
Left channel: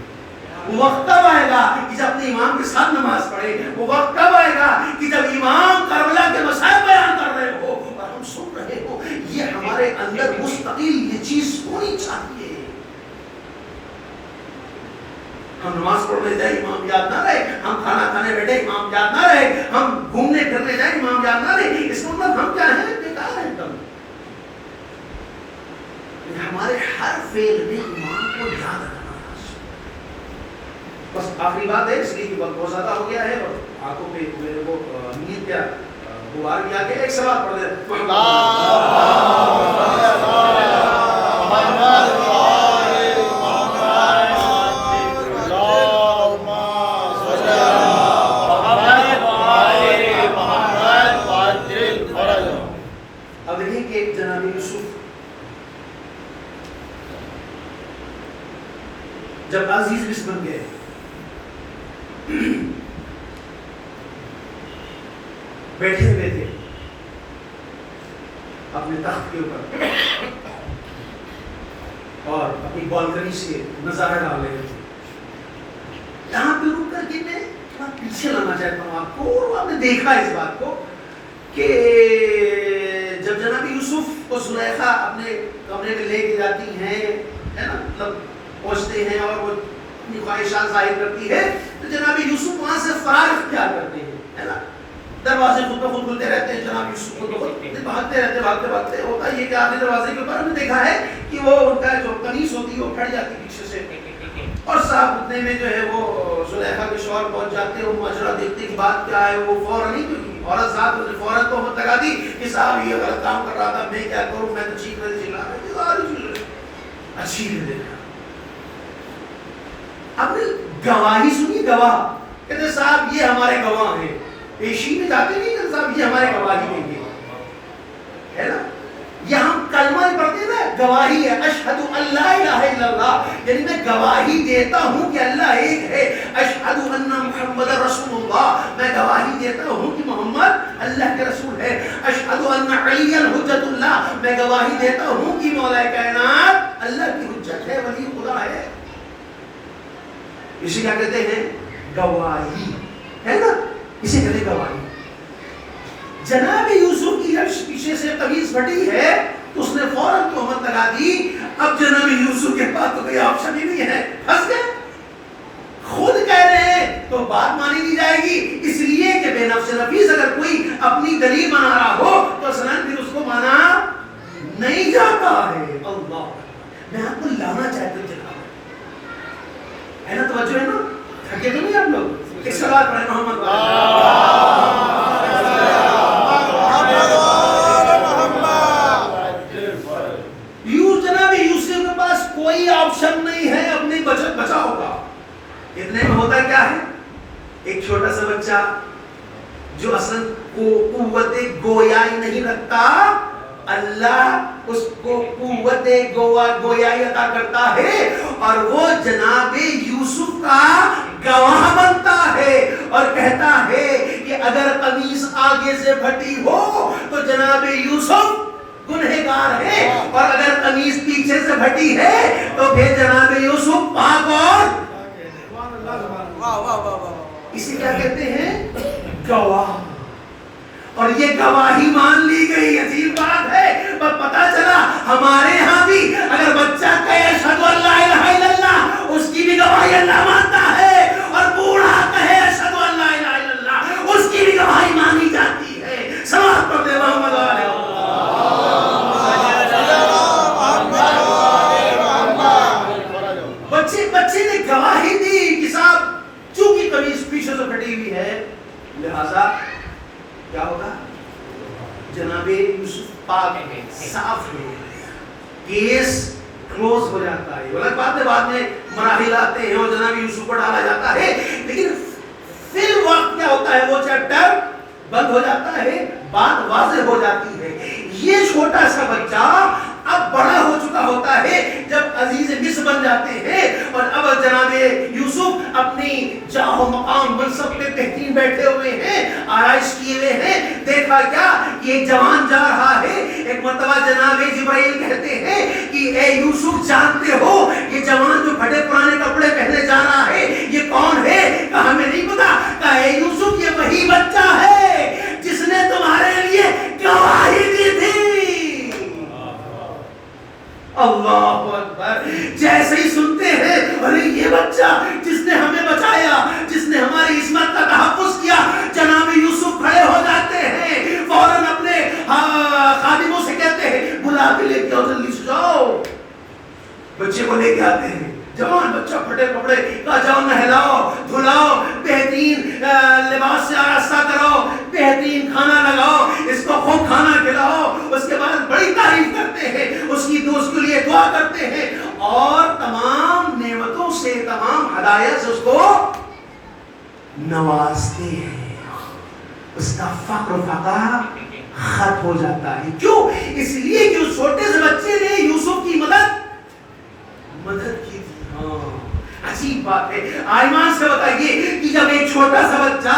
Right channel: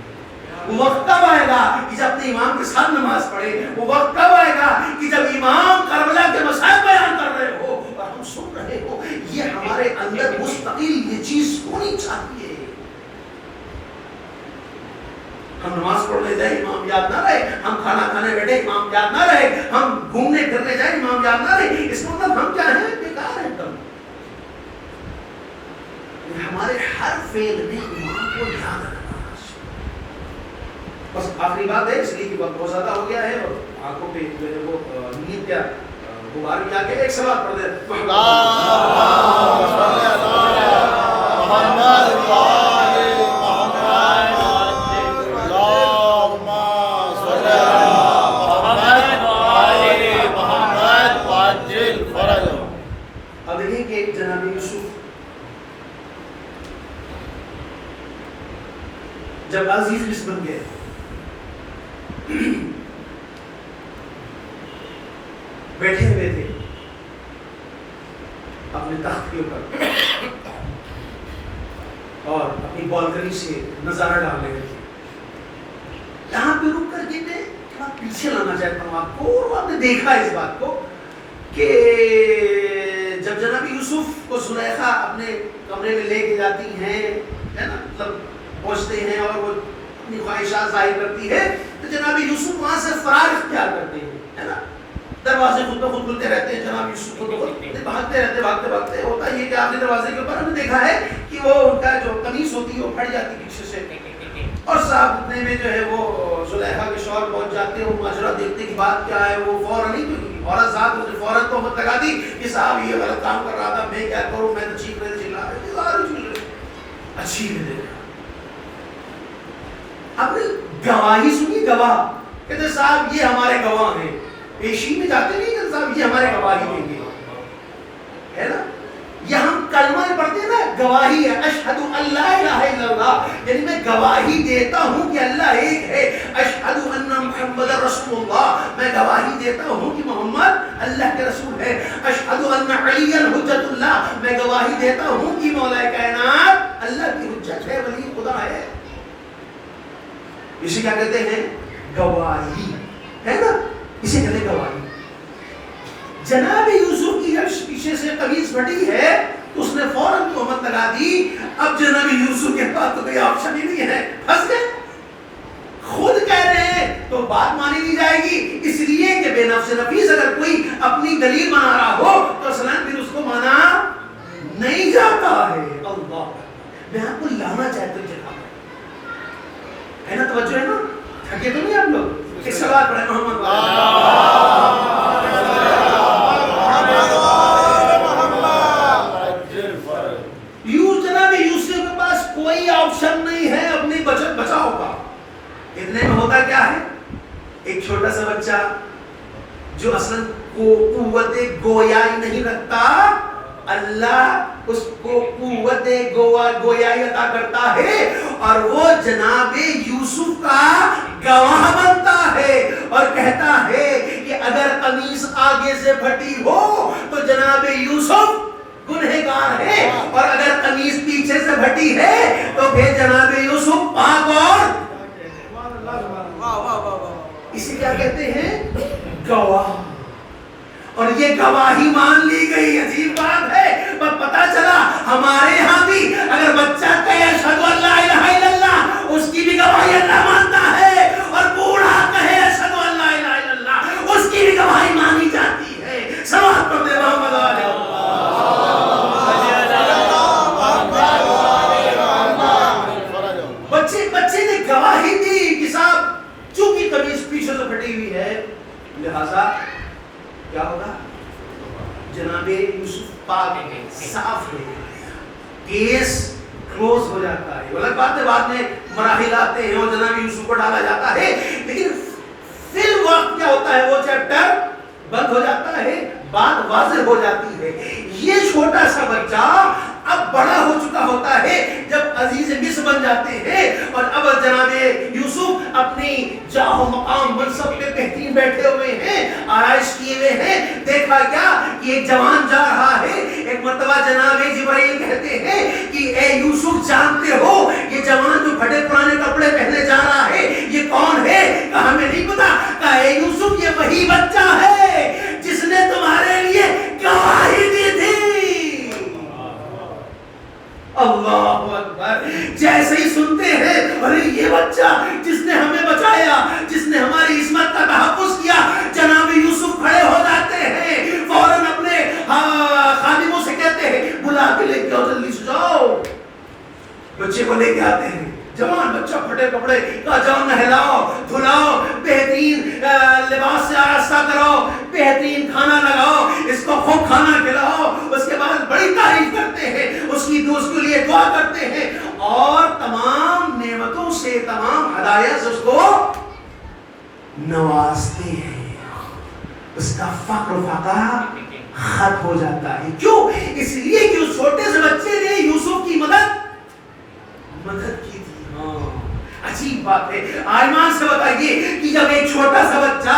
وہ وقت کب آئے گا کہ جب اپنے امام کے ساتھ نماز پڑھیں، وہ وقت کب آئے گا کہ جب امام کربلا کے مسائل بیان کر رہے ہو اور ہم سن رہے ہو۔ یہ ہمارے اندر مستقل یہ چیز ہونی چاہیے۔ ہم نماز پڑھنے جائیں امام یاد نہ رہے، ہم کھانا کھانے بیٹھے امام یاد نہ رہے، ہم گھومنے پھرنے جائیں امام یاد نہ رہے، اس کا مطلب ہم کیا ہیں؟ بیکار ہیں تم. ہمارے ہر فعل میں امام کو یاد رکھنا. بس آخری بات ہے، اس لیے کہ وقت بہت زیادہ ہو گیا ہے اور آنکھوں پہ میرے کو نیند کیا غبار بھی آ گیا. ایک سوال پڑھ دیں. اب دیکھیں کہ جناب یوسف جب عزیز مصر بن گئے، بیٹھے ہوئے تھے اپنے تخت کے اوپر اور اپنی بالکنی سے نظارہ ڈال رہے تھے. یہاں پہ رک کر کے میں تھوڑا پیچھے لانا چاہتا ہوں آپ کو، اور آپ نے دیکھا اس بات کو کہ جب جناب یوسف کو زلیخا اپنے کمرے میں لے کے جاتی ہیں، ہے نا، مطلب پہنچتے ہیں اور وہ اپنی خواہشات ظاہر کرتی ہے، تو جناب یوسف وہاں سے فرار اختیار کرتے ہیں، ہے نا. دروازے خود بخود کھلتے رہتے ہیں، جناب یوسف خود بخود بھاگتے رہتے بھاگتے. ہوتا یہ کہ آخری دروازے کے اوپر ہم نے دیکھا ہے کہ وہ ان کا جو قمیص ہوتی ہے وہ پھٹ جاتی پیچھے سے، اور صاحب اتنے میں جو ہے وہ زلیخا کے شوہر پہنچ جاتے ہیں. وہ ماجرا دیکھتے کہ بات کیا ہے، وہ فوراً نہیں کیونکہ عورت ذات اسے فوراً تہمت لگا دی کہ صاحب یہ غلط کام کر رہا تھا، میں کیا کروں، میں تو چیخنے سے چلا رہی اچھی نہیں دیکھا. آپ نے گواہی سنی، گواہ کہتے صاحب یہ ہمارے گواہ ہیں، پیشی میں جاتے نہیں کہ صاحب یہ ہمارے گواہی دیں گے، ہے نا. یہ ہم کلمہ پڑھتے ہیں نا، گواہی ہے، اشہد ان لا الہ الا اللہ، یعنی میں گواہی دیتا ہوں کہ اللہ ایک ہے. اشہد ان محمد رسول اللہ، میں گواہی دیتا ہوں کہ محمد اللہ کے رسول ہے. اشہد ان علی حجت اللہ، میں گواہی دیتا ہوں کہ مولا کائنات اللہ کی حجت ہے، ولی خدا ہے. اسے کیا کہتے ہیں؟ گواہی، ہے نا، اسے کہتے ہیں گواہی. جناب یوسف کی جب پیچھے سے قمیص پھٹی ہے تو اس نے فوراً تہمت لگا دی. اب جناب یوسف کے پاس تو کوئی آپشن ہی نہیں ہے، پھنس گئے. خود کہہ رہے ہیں تو بات مانی نہیں جائے گی، اس لیے کہ بے نفس نفیس اگر کوئی اپنی دلیل بنا رہا ہو تو اصلاً پھر اس کو مانا نہیں جاتا ہے. اللہ، میں آپ کو لانا چاہتا ہوں جناب، ہے نا، توجہ ہے نا، تھکے تو نہیں آپ لوگ. ایک سوال پڑھیں محمد جناب یوسف کے پاس کوئی آپشن نہیں ہے اپنی بچت بچاؤ کا. اتنے میں ہوتا کیا ہے، ایک چھوٹا سا بچہ جو اصلا قوت گویائی نہیں رکھتا، اللہ اس کو قوت گویائی عطا کرتا ہے اور وہ جناب یوسف کا گواہ بنتا ہے اور کہتا ہے کہ اگر قمیص آگے سے پھٹی ہو تو جناب یوسف گنہگار ہے، اور اگر قمیص پیچھے سے پھٹی ہے تو پھر جناب یوسف پاک. اور اسے کیا کہتے ہیں؟ گواہ. اور یہ گواہی مان لی گئی. عجیب بات ہے، پر پتا چلا ہمارے ہاں بھی اگر بچہ کہے اشہد ان لا الہ الا اللہ، اس کی بھی گواہی اللہ مانتا ہے، اور بوڑھا کہے اشہد ان لا الہ الا اللہ، اس کی بھی گواہی مانی جاتی ہے. سماعت پڑھتے محمد علیہ بچے نے گواہی دی کہ صاحب چونکہ قمیص پیچھے سے پھٹی ہوئی ہے لہذا کیا ہوگا، جناب یوسف پاک ہے، صاف ہے، کیس کلوز ہو جاتا ہے. الگ بات ہے بعد میں مراحل آتے ہیں اور جناب یوسف کو ڈالا جاتا ہے، لیکن فی الوقت کیا ہوتا ہے، وہ چیپٹر بند ہو جاتا ہے، بات واضح ہو جاتی ہے. یہ چھوٹا سا بچہ اب بڑا ہو چکا ہوتا ہے جب عزیز مصر بن جاتے ہیں، اور اب جناب یوسف اپنی جاہ و مقام منصب پہ بہترین بیٹھے ہوئے ہیں، آرائش کیے ہوئے ہیں. دیکھا کیا کہ ایک جوان جا رہا ہے. ایک مرتبہ جناب جبرائیل کہتے ہیں کہ اے یوسف جانتے ہو یہ جوان جو پھٹے پرانے کپڑے پہنے جا رہا ہے یہ کون ہے؟ کہا ہمیں نہیں پتا. کہا اے یوسف یہ وہی بچہ ہے جس نے تمہارے لیے گواہی دی تھی. اللہ اکبر. جیسے ہی سنتے ہیں ارے یہ بچہ جس نے ٹکڑے، کہا جاؤ نہلاؤ دھلاؤ، بہترین لباس سے آراستہ کرو، بہترین کھانا لگاؤ، اس کو خوب کھانا کھلاؤ، اس کے بعد بڑی تعریف کرتے ہیں، اس کی دوست کے لیے دعا کرتے ہیں، اور تمام نعمتوں سے، تمام ہدایت سے اس کو نوازتے ہیں۔ اس کا فقر و فقر ختم ہو جاتا ہے۔ کیوں؟ اس لیے کہ اس چھوٹے سے بچے نے یوسف کی مدد کی تھی۔ ہاں عجیب بات ہے۔ ایمان سے بتائیے کہ جب ایک چھوٹا سا بچہ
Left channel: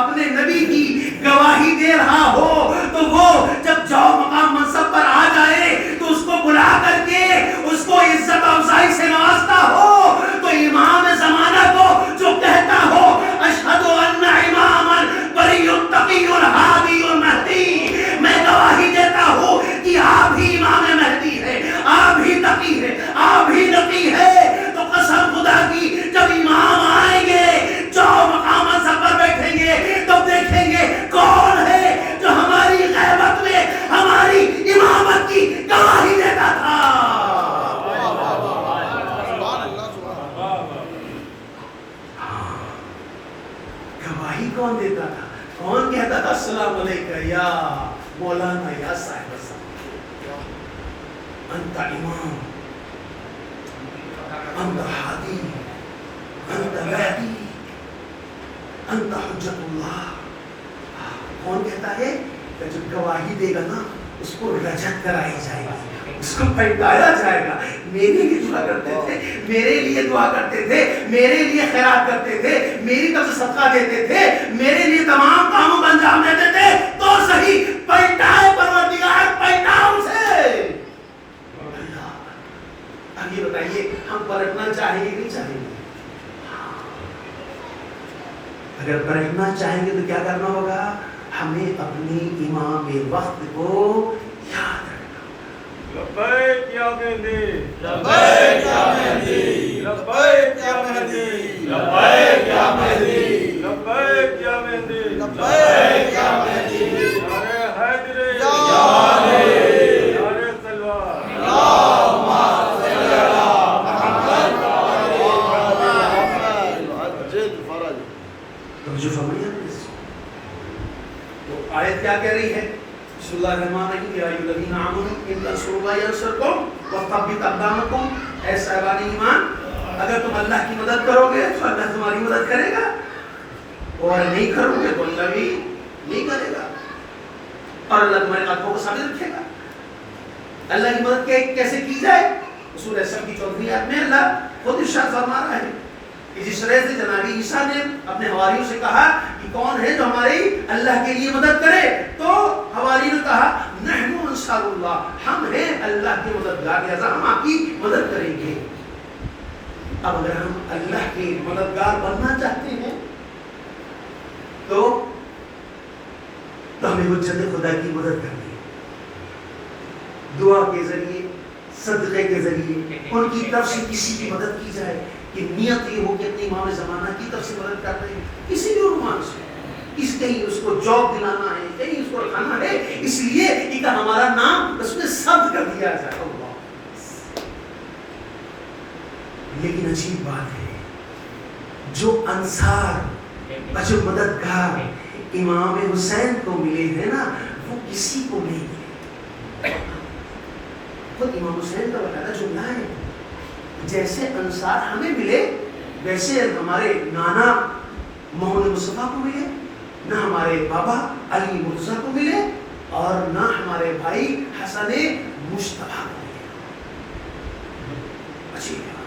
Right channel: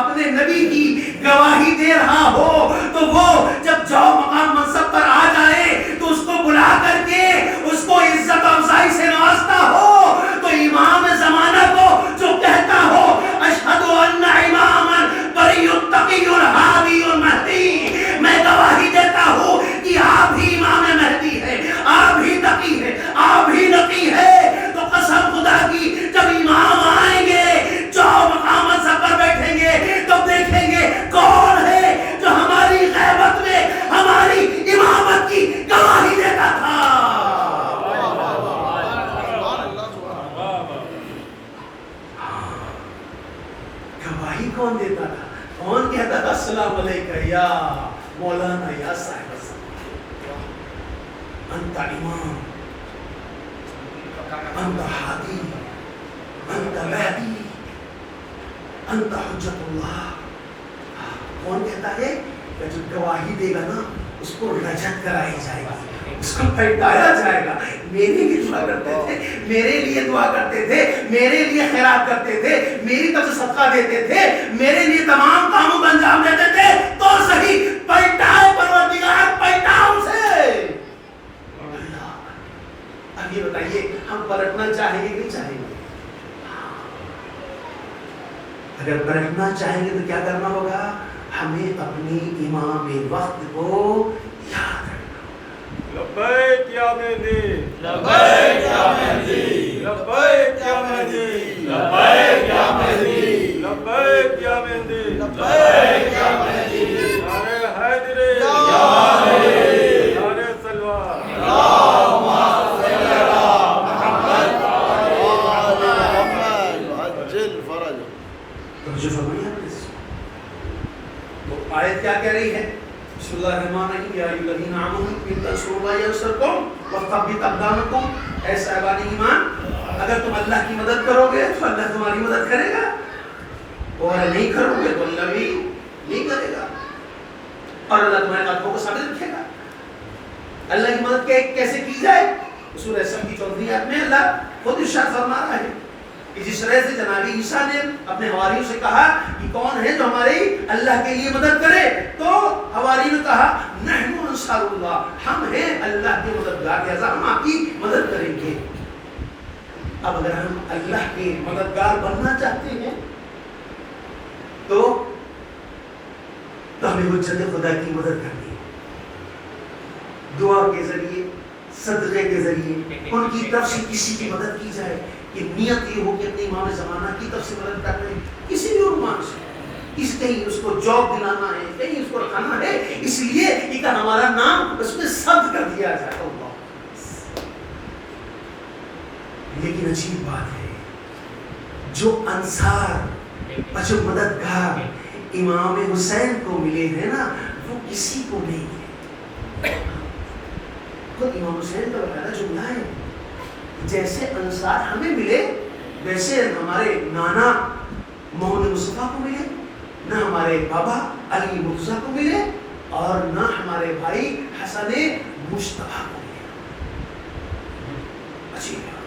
اپنے نبی کی گواہی دے رہا ہو تو وہ جب جاؤ مقام منصب پر آ جائے تو اس کو بلا کر کے اس کو عزت افزائی سے نوازتا ہو، تو امام زمانہ کو جو کہتا ہو اشہد ان اماما بری تقی الہادی المہدی، میں گواہی دیتا ہوں کہ آپ ہی امام مہدی ہے، آپ ہی تقی ہے، آپ ہی نقی ہے، تو قسم خدا کی جب امام آئیں گے جو مقام منصب پر بیٹھیں گے تو دیکھیں گے کون ہے جو ہماری غیبت میں ہماری امامت کی گواہی دیتا تھا۔ گواہی کون دیتا تھا؟ کون کہتا تھا السلام علیکم یا مولانا یا صاحب انت امام، انت ہادی، انت مہدی، انت حجت اللہ۔ کون کہتا ہے کہ جو گواہی دے گا نا اس کو رجت کرائی جائے گی، اس کو پھٹایا جائے گا۔ میرے لیے دعا کرتے تھے، میرے لیے دعا کرتے تھے، میرے لیے خیرات کرتے تھے، میری طرف سے صدقہ دیتے تھے، میرے لیے تمام کاموں کا انجام دیتے تھے، تو صحیح پلٹائے پروردگار، پلٹا اسے۔ اب یہ بتائیے ہم پلٹنا چاہیں گے کہ چاہیں گے؟ اگر پلٹنا چاہیں گے تو کیا کرنا ہوگا؟ ہمیں اپنی امام وقت کو یاد رکھنا۔ لبیک یا مہدی، لبیک یا مہدی، لبیک یا مہدی، لبیک یا مہدی، لبیک یا مہدی، لبیک یا مہدی، نعرہ حیدری، یا علی، نعرہ سلوہ، اللہم صل علی محمد وعلی آل محمد عجل فرج۔ جو فرمایا تو آیت کیا کہہ رہی ہے؟ بسم اللہ الرحمن الرحیم، یا ایھا الذین آمنوا ان تنصروا اللہ ینصرکم ویثبت اقدامکم۔ اے صاحبان ایمان، اگر تم اللہ کی مدد کرو گے تو اللہ تمہاری مدد کرے گا، اور نہیں کرو گے تو اللہ بھی نہیں کرے گا، اور اللہ تمہارے قدموں کو ثابت رکھے گا۔ اللہ کی مدد کیسے کی جائے؟ سورہ سب کی 34 آیت میں اللہ خود ارشاد فرما رہا ہے کہ جس طرح سے جناب عیسیٰ نے اپنے حواریوں سے کہا کہ کون ہے جو ہماری اللہ کے لیے مدد کرے، تو حواریوں نے کہا نحن انصار اللہ، ہم ہیں اللہ کے مددگار، لہذا ہم آپ کی مدد کریں گے۔ اب اگر ہم اللہ کے مددگار بننا چاہتے ہیں تو ہمیں حجت خدا کی مدد کرنی ہے، دعا کے ذریعے، صدقے کے ذریعے ان کی طرف سے کسی کی مدد کی جائے، کہ نیت یہ ہو کہ اپنے امام زمانہ کی طرف سے مدد کرتے ہیں، کسی بھی عنوان سے، اس کہیں اس کو جاب دلانا ہے، کہیں اس کو رکھانا ہے، اس لیے کہ ہمارا نام اس میں ثبت کر دیا جائے۔ اللہ، لیکن عجیب بات ہے، جو انصار اور جو مددگار امام حسین کو ملے ہیں نا، وہ کسی کو نہیں ملے۔ خود امام حسین کا بتانا جملہ ہے، جیسے انصار ہمیں ملے ویسے ہمارے نانا محمد مصطفیٰ کو ملے، نہ ہمارے بابا علی مرتضیٰ کو ملے، اور نہ ہمارے بھائی حسن مصطفیٰ کو ملے۔ عجیب ہے،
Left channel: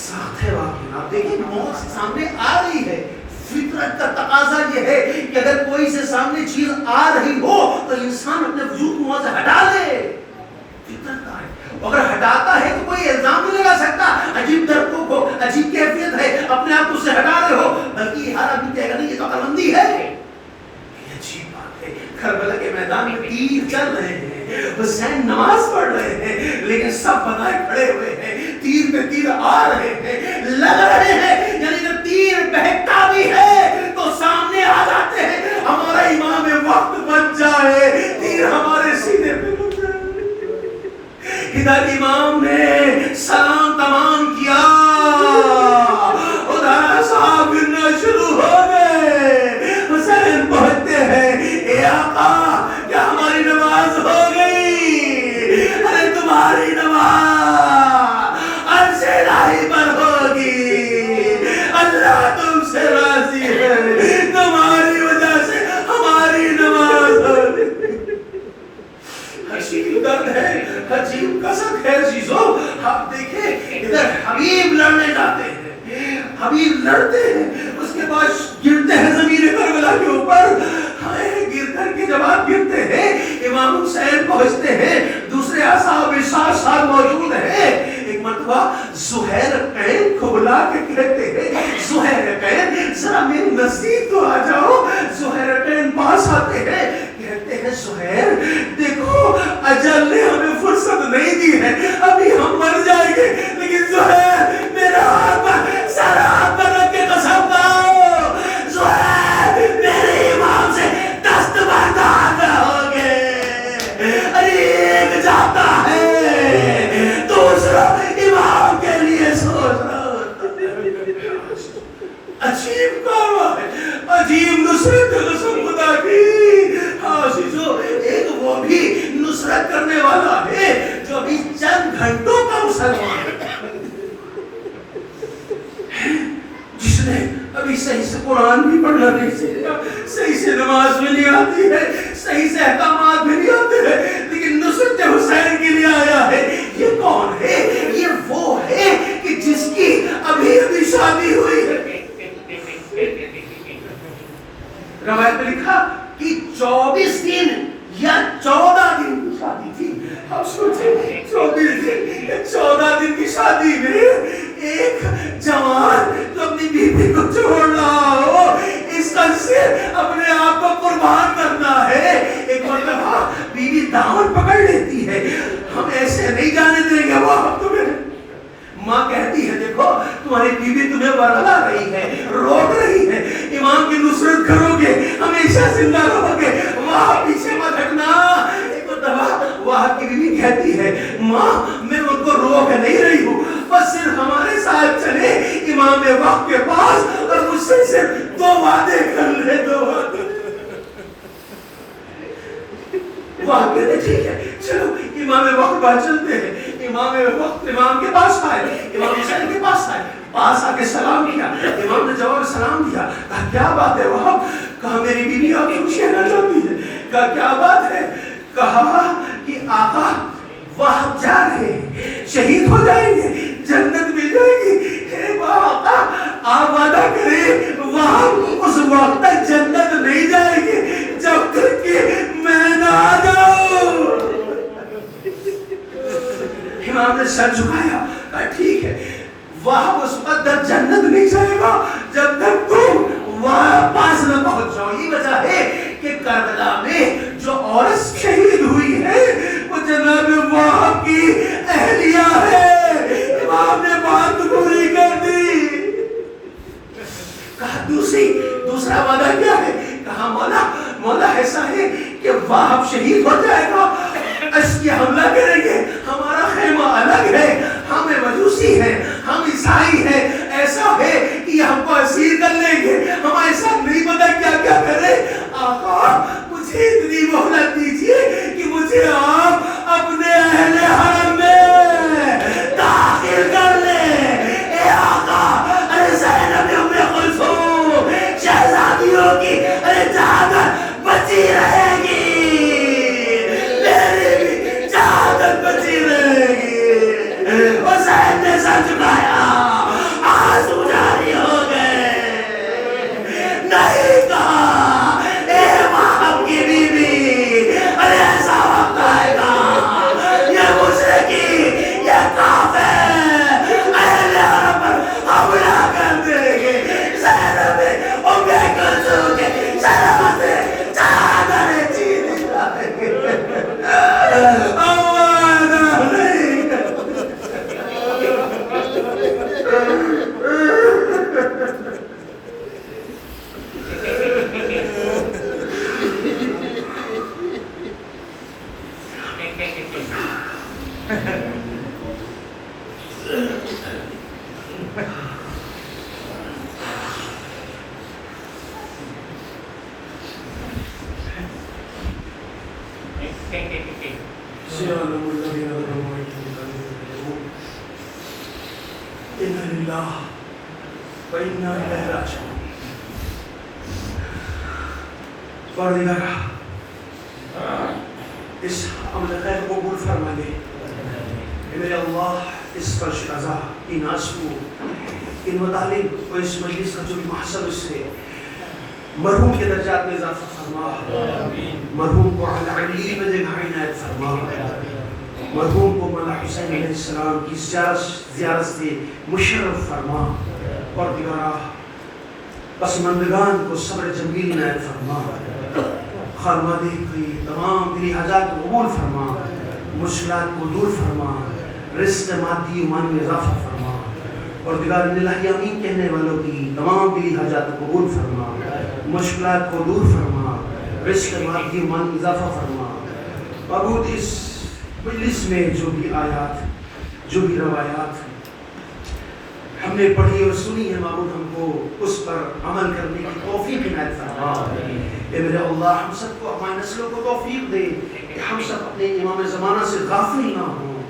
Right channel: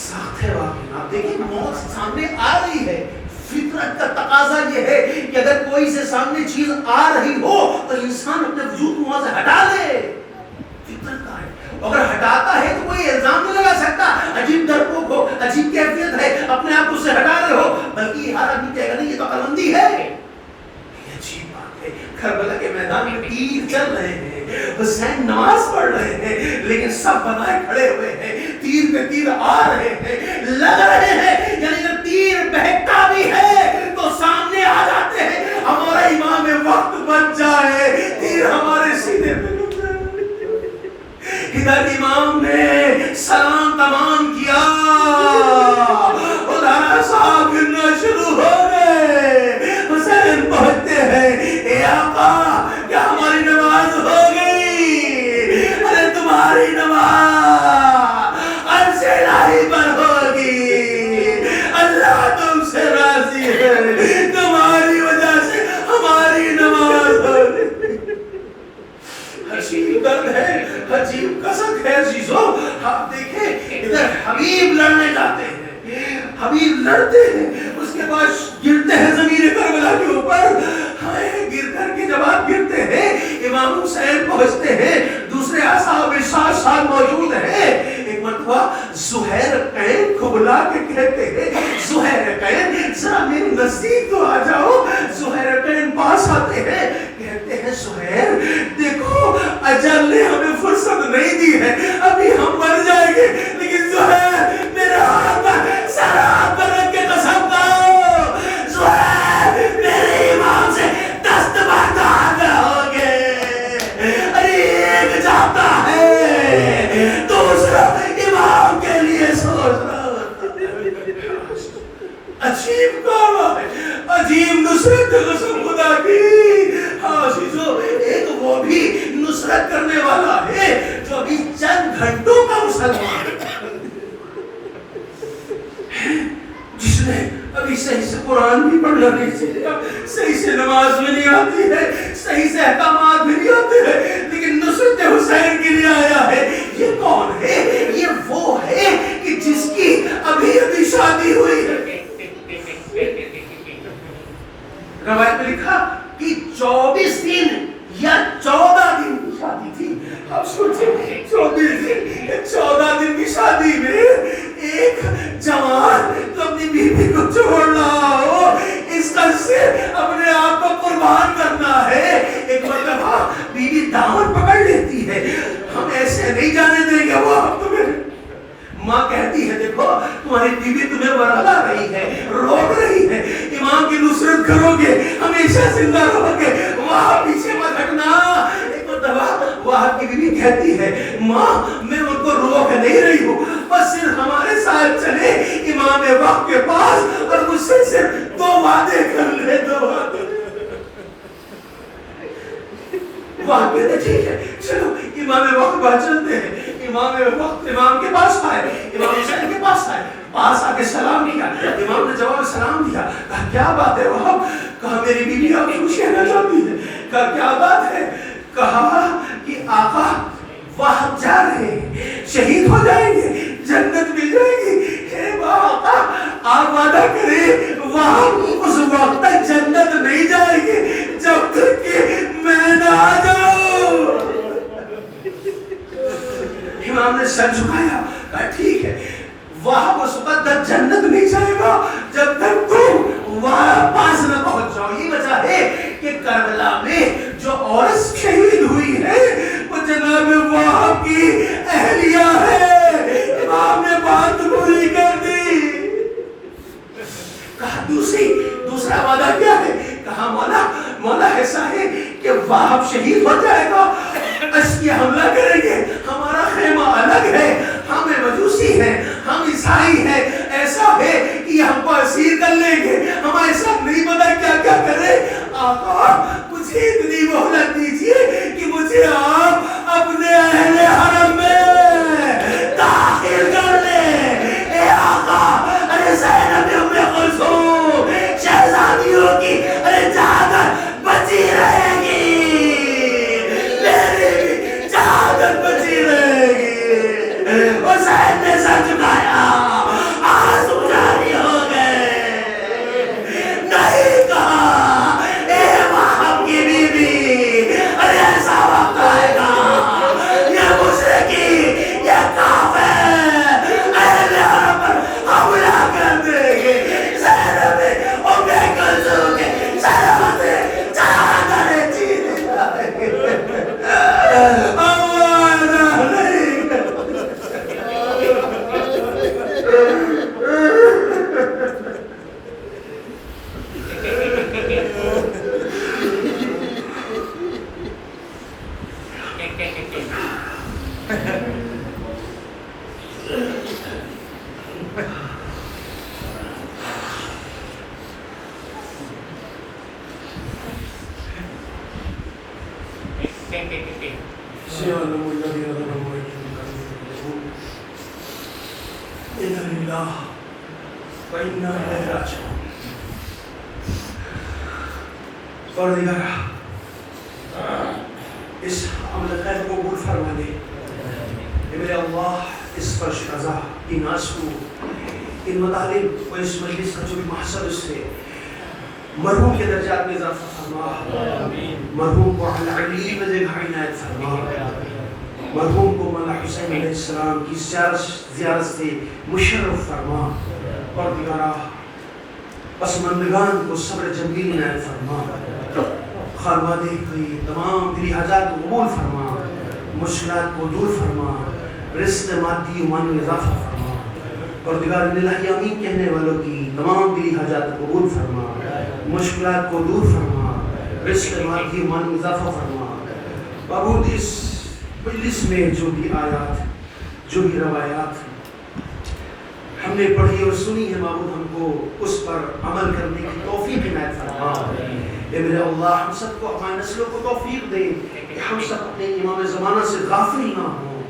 سخت ہے واقعی۔ آپ دیکھیں موت سامنے آ رہی ہے، فطرت کا تقاضا یہ ہے کہ اگر کوئی سے سامنے چیز آ رہی ہو تو انسان اپنے وجود کو وہاں سے ہٹا لے، فطرت کا ہے۔ اگر ہٹاتا ہے تو کوئی الزام نہیں لگا سکتا عجیب ڈرپوک ہو، عجیب کیفیت ہے، اپنے آپ کو اس سے ہٹا رہے ہو، بلکہ ہر آدمی کہے گا نہیں یہ تو عقل مندی ہے۔ یہ عجیب بات ہے، کربلا کے میدان میں تیر چل رہے ہیں، حسین نماز پڑھ رہے ہیں، لیکن سب بنائے کھڑے ہوئے ہیں، تیر پہ تیر آ رہے ہیں، لگ رہے ہیں، یعنی اگر تیر بہتا بھی ہے تو سامنے آ جاتے ہیں، ہمارا امام وقت بچ جائے، تیر ہمارے سینے پہ ادھر امام نے حبیب لڑتے ہیں، اس کے بعد گرتے ہیں زمین کربلا کے اوپر. گر کر کے جب آپ گرتے ہیں امام حسین پہنچتے ہیں، دوسرے اصحاب 7 سال موجود ہیں. ایک مرتبہ زہیر قین کو بلا کے کہتے ہیں زہیر قین ذرا میرے نزدیک تو آ جاؤ. زہیر قین پاس آتے ہیں، کہتے ہیں زہیر دیکھو اجل نے ہمیں فرصت نہیں دی ہے، ابھی ہم مر جائیں گے، لیکن زہیر میرے ہاتھ پر سر ہاتھ پر رکھ کے قسم کھاؤ زہیر میرے امام سے دست بردار رہو گے. ایک جاتا ہے دوسرا امام کے لیے سوچ رہا ہوتا ہے. عجیب کام ہے، عجیب نصرت قسم خدا کی. عزیزو ایک وہ بھی نصرت کرنے والا ہے جو ابھی چند گھنٹوں کا مسلمان ہے، جس نے ابھی صحیح سے قرآن بھی پڑھنا نہیں سیکھا، صحیح سے نماز بھی نہیں آتی ہے، صحیح سے احکامات بھی نہیں آتے ہیں، لیکن نصرت حسین کے لیے آیا ہے. یہ کون ہے؟ یہ وہ ہے کہ جس کی ابھی ابھی شادی ہوئی ہے. روایت میں لکھا کہ 24 دن یا 14 دن کی شادی تھی. آپ سوچیں 24 دن 14 دن کی شادی میں ایک جوان تو اپنی بیوی کو چھوڑ رہا ہو، اس کا صرف اپنے آپ کو قربان کرنا ہے. ایک مرتبہ بیوی دامن پکڑ لیتی ہے، ہم ایسے نہیں جانے دیں گے وہ ہم تمہیں. ماں کہتی ہے دیکھو تمہاری بیوی تمہیں برلا رہی ہے، روک رہی ہے، امام کی نصرت کرو گے ہمیشہ زندہ رہو گے، وہاں پیچھے مت ہٹنا. ایک مرتبہ وہاں کی بیوی کہتی ہے ماں میں ان کو روک نہیں رہی ہوں، بس صرف ہمارے ساتھ چلے امام وقت کے پاس اور مجھ سے صرف 2 وعدے کر لے. 2 وعدے. وہاں کہتے ٹھیک ہے چلو امام وقت پاس چلتے ہیں. امام وقت امام کے پاس آئے، امام حسین کے پاس آئے، پاس آ کے سلام کیا. امام نے جواب سلام دیا. کہا کیا بات ہے وہاں؟ کہا میری بیوی آپ سے کچھ کہنا چاہتی ہے. کہا کیا بات ہے؟ کہا کہ آقا وہاں جا رہے ہیں، شہید ہو جائیں گے، جنت مل جائے گی. اے آقا آپ وعدہ کریں وہاں اس وقت تک جنت نہیں جائے گی جب تک کہ میں نہ آ جاؤں. امام نے سر جھکایا. کہا ٹھیک ہے وہاں اس وقت تک جنت نہیں جائے گا جب تک تم وہاں پاس نہ پہنچ جاؤ. یہ وجہ ہے کہ کربلا میں جو عورت شہید ہوئی ہے وہ جناب وہاں کی اہلیہ ہے. امام نے بات پوری کر دی. کہا دوسرا وعدہ کیا ہے؟ کہا مولا ایسا ہے کہ وہاں شہید ہو جائے گا، اشکی حملہ کریں گے، ہمارا خیمہ الگ ہے، ہم مجوسی ہیں، ہم عیسائی ہیں، ایسا ہے کہ ہم کو اسیر کر لیں گے، ہم ایسا نہیں پتا کیا کیا کریں. آقا مجھے اتنی مہلت دیجیے کہ مجھے آپ اپنے اہل حرم میں داخل کر لیں. اے آقا ارے زینب ام کلثوم شہزادیوں کی ارے جہادت بچی رہے گی، میری بھی جہادت بچی رہے گی. حسین نے سر جھکایا، آنسو جاری ہو گئے. نہیں کہا اے باپ کی بیوی ارے ایسا وقت آئے گا یہ مشرکی یہ کافر اہل حرم پر حملہ کر دیں گے. زینب ام کلثوم کے سروں سے چادریں چھین جائیں گے. اس عمل خیر کو قبول فرما دے میرے اللہ. اس فرش رضا کی ناز کو ان مطالب اور اس مجلس کا جو بھی محصل اس سے مرحوم کے درجات میں اضافہ فرما، مرحوم کو علی میں جگہ عنایت فرما، مرحوم کو مولا حسین علیہ السلام کی زیارت سے مشرف فرما، اور دیگرہ پسماندگان کو صبر جمیل عنایت فرما، خانوادے کی تمام دلی حاجات کو قبول فرما، مشکلات کو دور فرما، رزق مادی و معنوی اضافہ فرما، اور دیگر الہی آمین کہنے والوں کی تمام دلی حاجات کو قبول فرما، مشکلات کو دور فرما، رزق مادی و معنوی اضافہ فرما۔ معبود اس مجلس میں جو بھی آیات، جو بھی روایات ہم نے پڑھی اور سنی ہے معبود، ہم کو اس پر عمل کرنے کی توفیق عنایت فرما۔ اے میرے اللہ، ہم سب کو ہماری نسلوں کو توفیق دے کہ ہم سب اپنے امام زمانہ سے غافل نہ ہوں،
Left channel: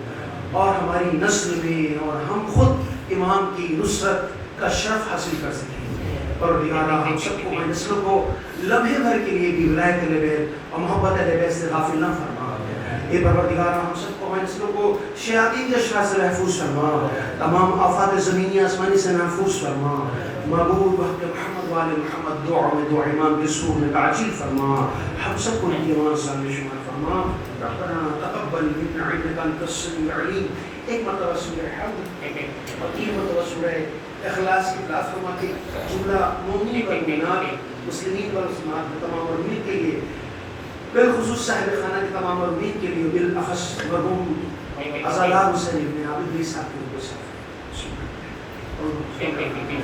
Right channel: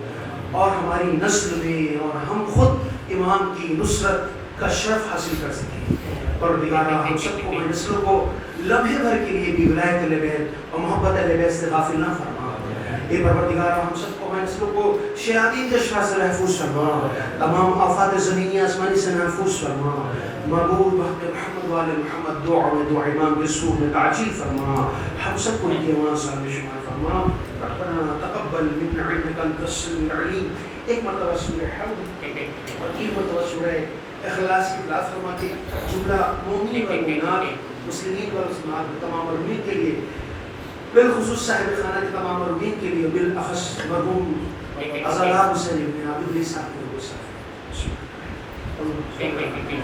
اور ہماری نسل میں اور ہم خود امام کی نصرت کا شرف حاصل کر سکیں، اور دیگرہ ہم سب کو ہماری نسلوں کو لمحے بھر کے لیے بھی ولایت اہل بیت اور محبت اہل بیت سے غافل نہ فرما۔ اے پروردگار، ہم سب کو ہمارے نسلوں کو شیاطین کے شر سے محفوظ فرما، تمام آفات زمینی آسمانی سے محفوظ فرما۔ معبود وقت محمد والے محمد دعا میں دعا امام بالسوء میں تعجیل فرما، ہم سب کو ان کے ایمان صالح شمار فرما۔ ربنا تقبل منا انك انت السميع العليم۔ ایک مرتبہ سورہ حمد اور تین مرتبہ سورہ اخلاص کی تلاوت فرما کے جملہ مومنین و مومنات، مسلمین و مسلمات تمام مرحومین کے لیے، بالخصوص صاحب خانہ کے تمام مرحومین کے لیے، بالاخص مرحوم عزالہ حسین بن عبد العزیز صاحب کے لیے